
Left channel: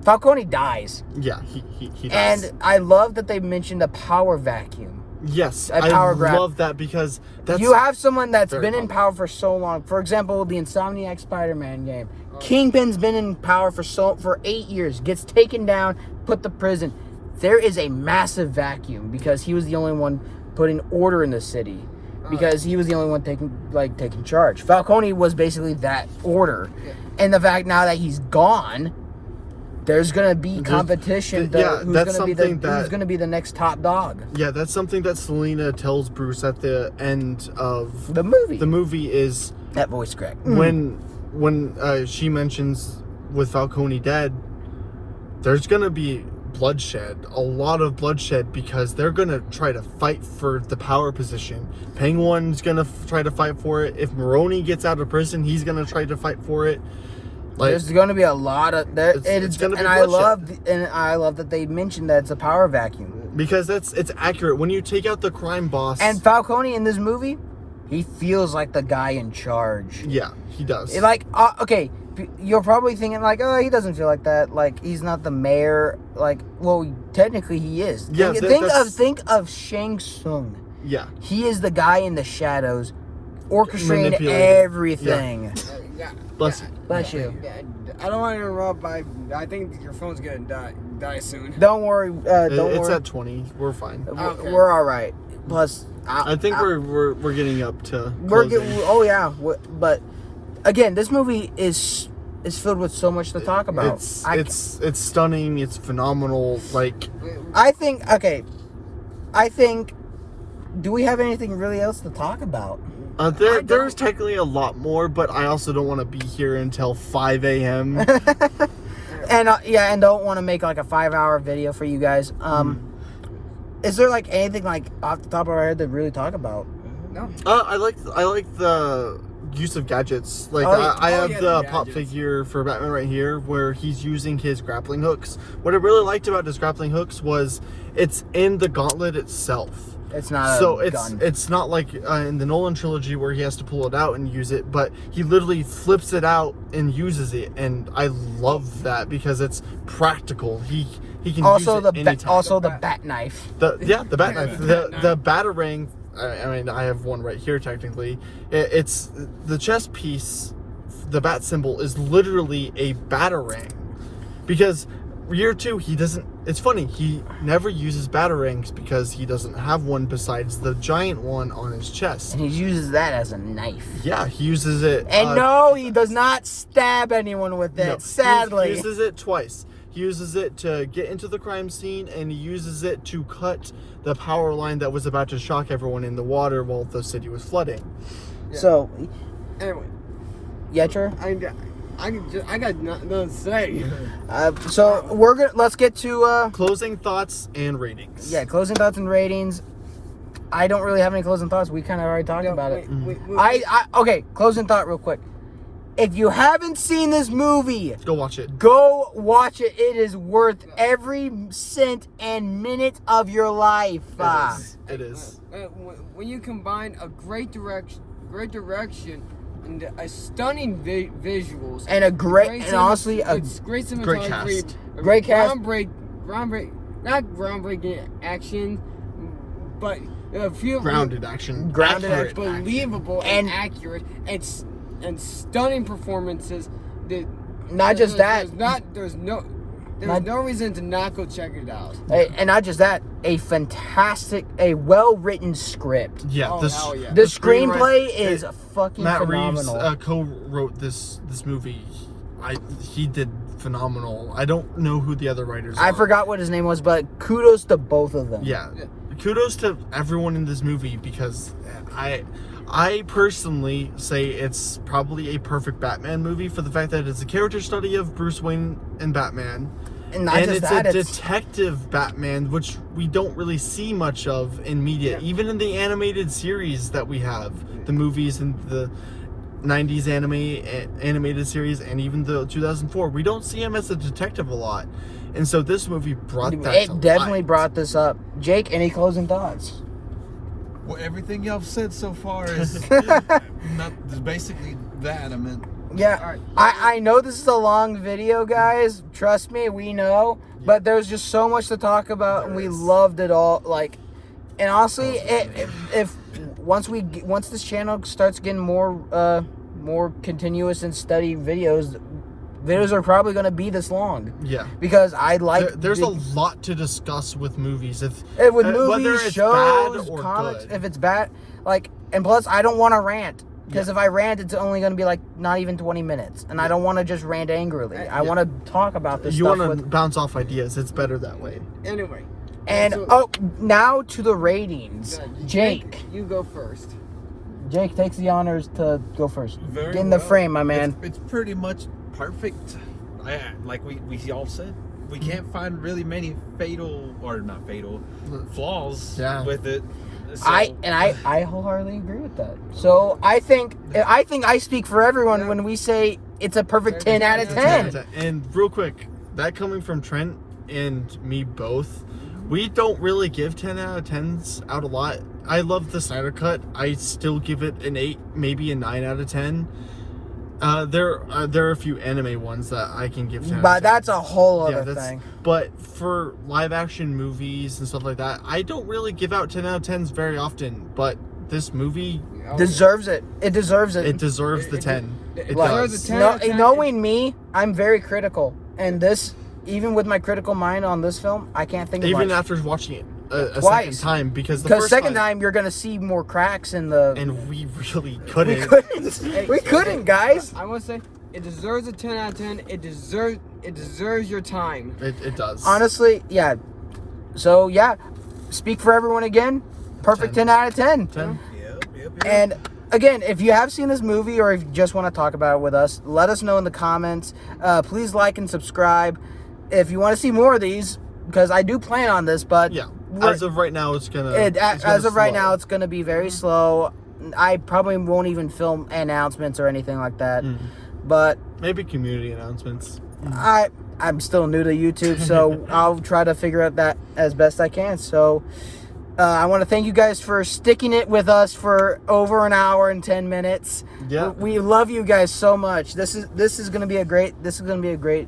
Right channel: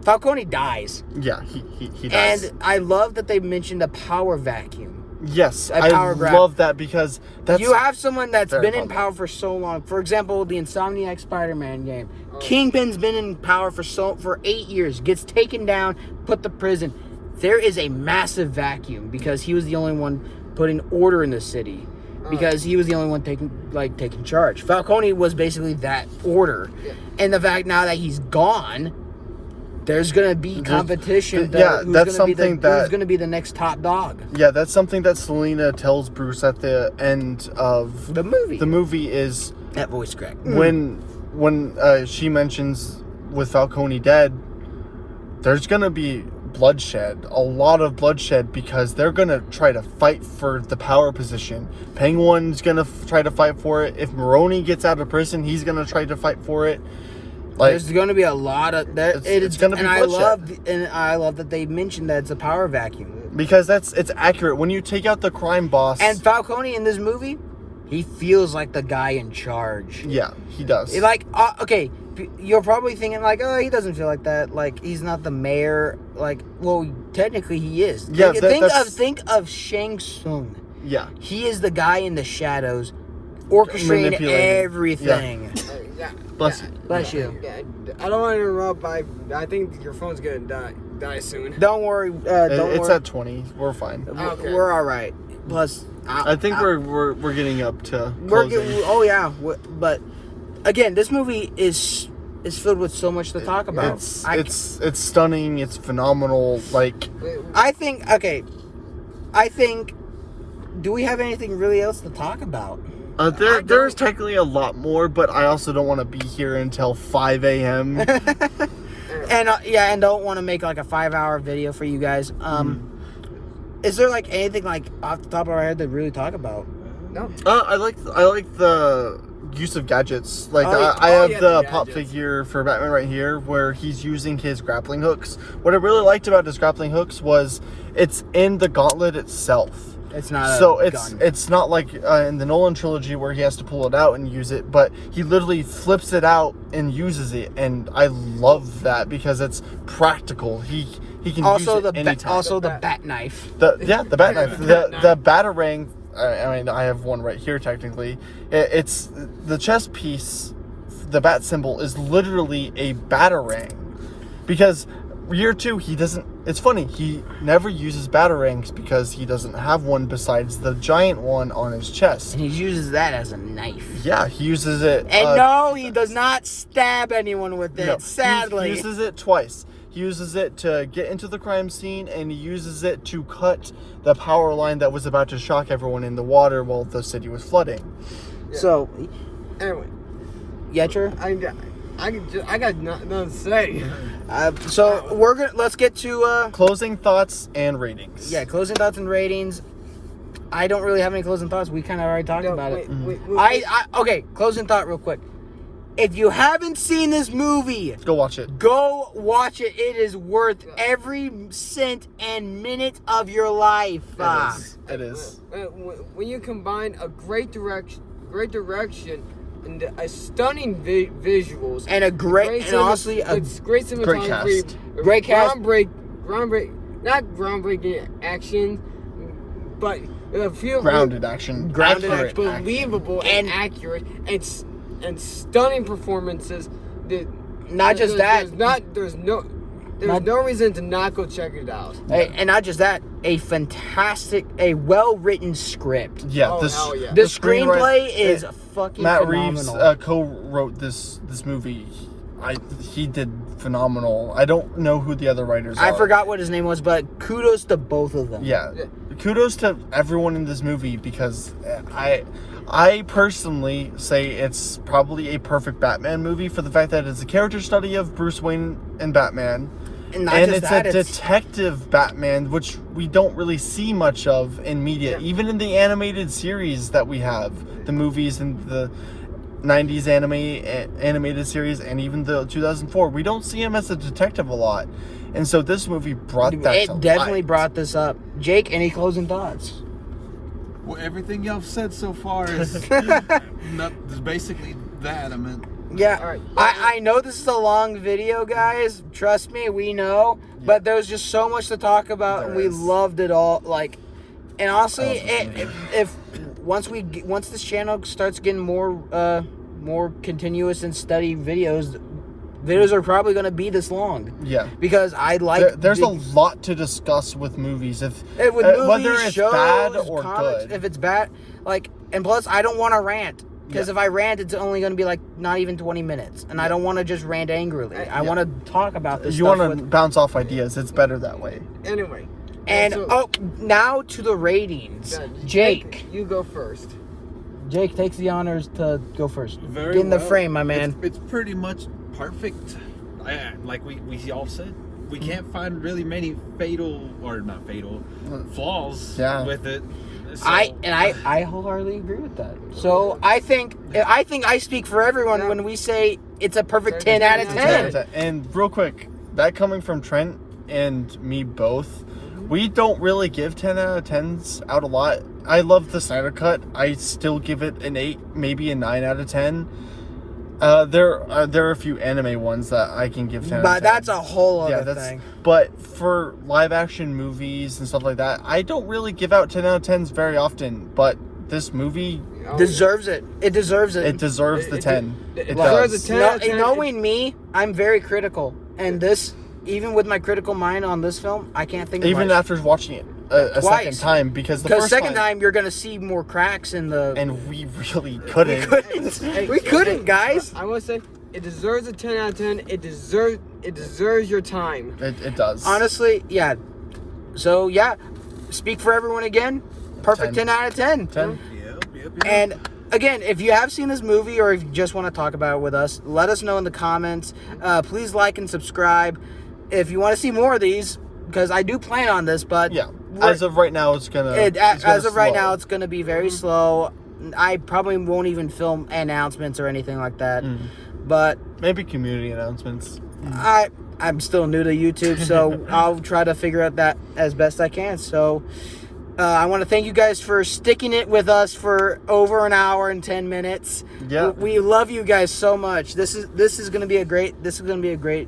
Falcone dies, yeah, he does. and I love that they mentioned a power vacuum. Yes, A I power grab. love that because that's You have someone that's very been in common. power for so long. For example, the Insomniac Spider-Man game. Kingpin's been in power for 8 years. Gets taken down, put to prison. There is a massive vacuum because he was the only one putting order in the city. Because he was the only one taking charge. Falcone was basically that order. Yeah. And the fact now that he's gone, there's gonna be competition. Yeah, who's that's gonna be something that- who's gonna be the next top dog. Yeah, that's something that Selena tells Bruce at the end of The movie. the movie is That voice crack. when she mentions with Falcone dead, there's gonna be bloodshed, a lot of bloodshed, because they're gonna try to fight for the power position. Penguin's gonna try to fight for it. If Maroni gets out of prison, he's gonna try to fight for it. Like, There's going to be a lot of there. It's gonna be and I bloodshed. love that they mentioned that it's a power vacuum. because it's accurate when you take out the crime boss. And Falcone in this movie, he feels like the guy in charge. yeah, he does. Like, okay, you're probably thinking like, oh, he doesn't feel like that. Like, he's not the mayor. Like, well, technically he is. Yeah, Think of Shang Tsung. yeah. He is the guy in the shadows, orchestrating Manipulating. everything. Yeah. Bless you. Bless you. Yeah, I don't want to interrupt, but I think your phone's gonna die soon. Don't worry. Don't It's worry. at 20. We're fine. Okay. We're all right. Plus, I think we're getting up to We're closing. oh yeah, but again, this movie is filled with so much to talk about. It's stunning. It's phenomenal. Like, I think do we have anything really else to talk about? there's technically a lot more, but I also don't want to be here until 5 a.m. And don't want to make like a 5-hour video for you guys. Is there like anything like off the top of our head to really talk about? No. I like the use of gadgets. Like, Oh, yeah. I have Yeah, the the pop gadgets. figure for Batman right here, where he's using his grappling hooks. What I really liked about his grappling hooks was it's in the gauntlet itself. It's not So a gun. it's not like in the Nolan trilogy where he has to pull it out and use it, but he literally flips it out and uses it, and I love that because it's practical. He can also use it anytime. the bat knife. The bat knife, Bat the batarang. I mean, I have one right here. Technically, it's the chest piece. The bat symbol is literally a batarang, because year 2 he doesn't. It's funny, he never uses batarangs because he doesn't have one besides the giant one on his chest. And he uses that as a knife. Yeah, he uses it. And no, he does not stab anyone with it. no, Sadly. he uses it twice. He uses it to get into the crime scene, and he uses it to cut the power line that was about to shock everyone in the water while the city was flooding. So, Anyway, Yetra? I got nothing to say. So let's get to Closing thoughts and ratings. closing thoughts and ratings. I don't really have any closing thoughts. We kind of already talked about it. Wait. Okay, closing thought real quick. If you haven't seen this movie, Go watch it. go watch it. It is worth every cent and minute of your life. It is. When you combine a great direction, and a stunning visuals, And a great, and honestly, a it's great cinematography, cast. Great cast. not groundbreaking action, but feel Grounded action. Grounded Accurate action. action. believable and accurate, and stunning performances. Not just that. There's There's no reason to not go check it out. And not just that, a well-written script. Yeah, Oh, hell yeah. The screenplay is fucking Matt phenomenal. Reeves co-wrote this movie. He did phenomenal. I don't know who the other writers are. I forgot what his name was, but kudos to both of them. Yeah. Kudos to everyone in this movie because I personally say it's probably a perfect Batman movie for the fact that it's a character study of Bruce Wayne and Batman. And not just it's that, a it's detective Batman, which we don't really see much of in media. Yeah. Even in the animated series that we have, the movies and the 90s animated series and even the 2004, we don't see him as a detective a lot. And so this movie brought that to it definitely life. brought this up. Jake, any closing thoughts? Well, everything y'all said so far is basically that. I mean, Yeah, All right. I know this is a long video, guys. Trust me, we know. But there was just so much to talk about, and we loved it all. Like, and honestly, if once this channel starts getting more continuous and steady videos are probably going to be this long. Yeah. Because I like There's a lot to discuss with movies. with whether movies, it's shows, bad or comics. good. If it's bad, like, and plus I don't want to rant. Because if I rant, it's only going to be like not even 20 minutes, and I don't want to just rant angrily. I want to talk about this. You stuff want to with, bounce off ideas. It's better that way. Anyway. and so- now to the ratings. Jake, you go first. Jake takes the honors to go first. very Get in the well. frame, my man. It's pretty much perfect. Like we all said, we can't find really many flaws with it. So, I wholeheartly agree with that. So I think I speak for everyone when we say it's a perfect 10 out of 10. And real quick, that coming from Trent and me both, we don't really give 10 out of 10s out a lot. I love the Snyder Cut. I still give it an 8, maybe a 9 out of 10. There are a few anime ones that I can give 10 out of 10. But that's a whole other thing. But for live action movies and stuff like that, I don't really give out 10 out of 10s very often. But this movie Deserves it. It deserves it. it deserves the It- 10. it It deserves does. a 10 out of 10. Knowing me, I'm very critical. And this, even with my critical mind on this film, I can't think of Even much. after watching it a Twice. second time, because the Because first second time you're gonna see more cracks in the. and we really we couldn't. couldn't. We couldn't, guys. I want to say it deserves a 10 out of 10. It deserves your time. It does. Honestly, yeah. So yeah, speak for everyone again. Perfect 10 out of 10. 10. Yep. And again, if you have seen this movie or if you just want to talk about it with us, let us know in the comments. Please like and subscribe if you want to see more of these, because I do plan on this. But Yeah. we're- As of right now, it's gonna. as of right now, it's going to be very slow. I probably won't even film announcements or anything like that. But maybe community announcements. I'm still new to YouTube, so I'll try to figure out that as best I can. So I want to thank you guys for sticking it with us for over an hour and 10 minutes. Yeah. We love you guys so much. This is going to be a great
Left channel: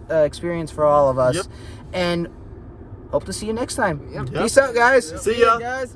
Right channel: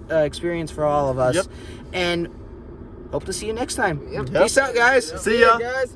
experience for all of us. Yep. And hope to see you next time. Yep. Peace out, guys. See ya. guys.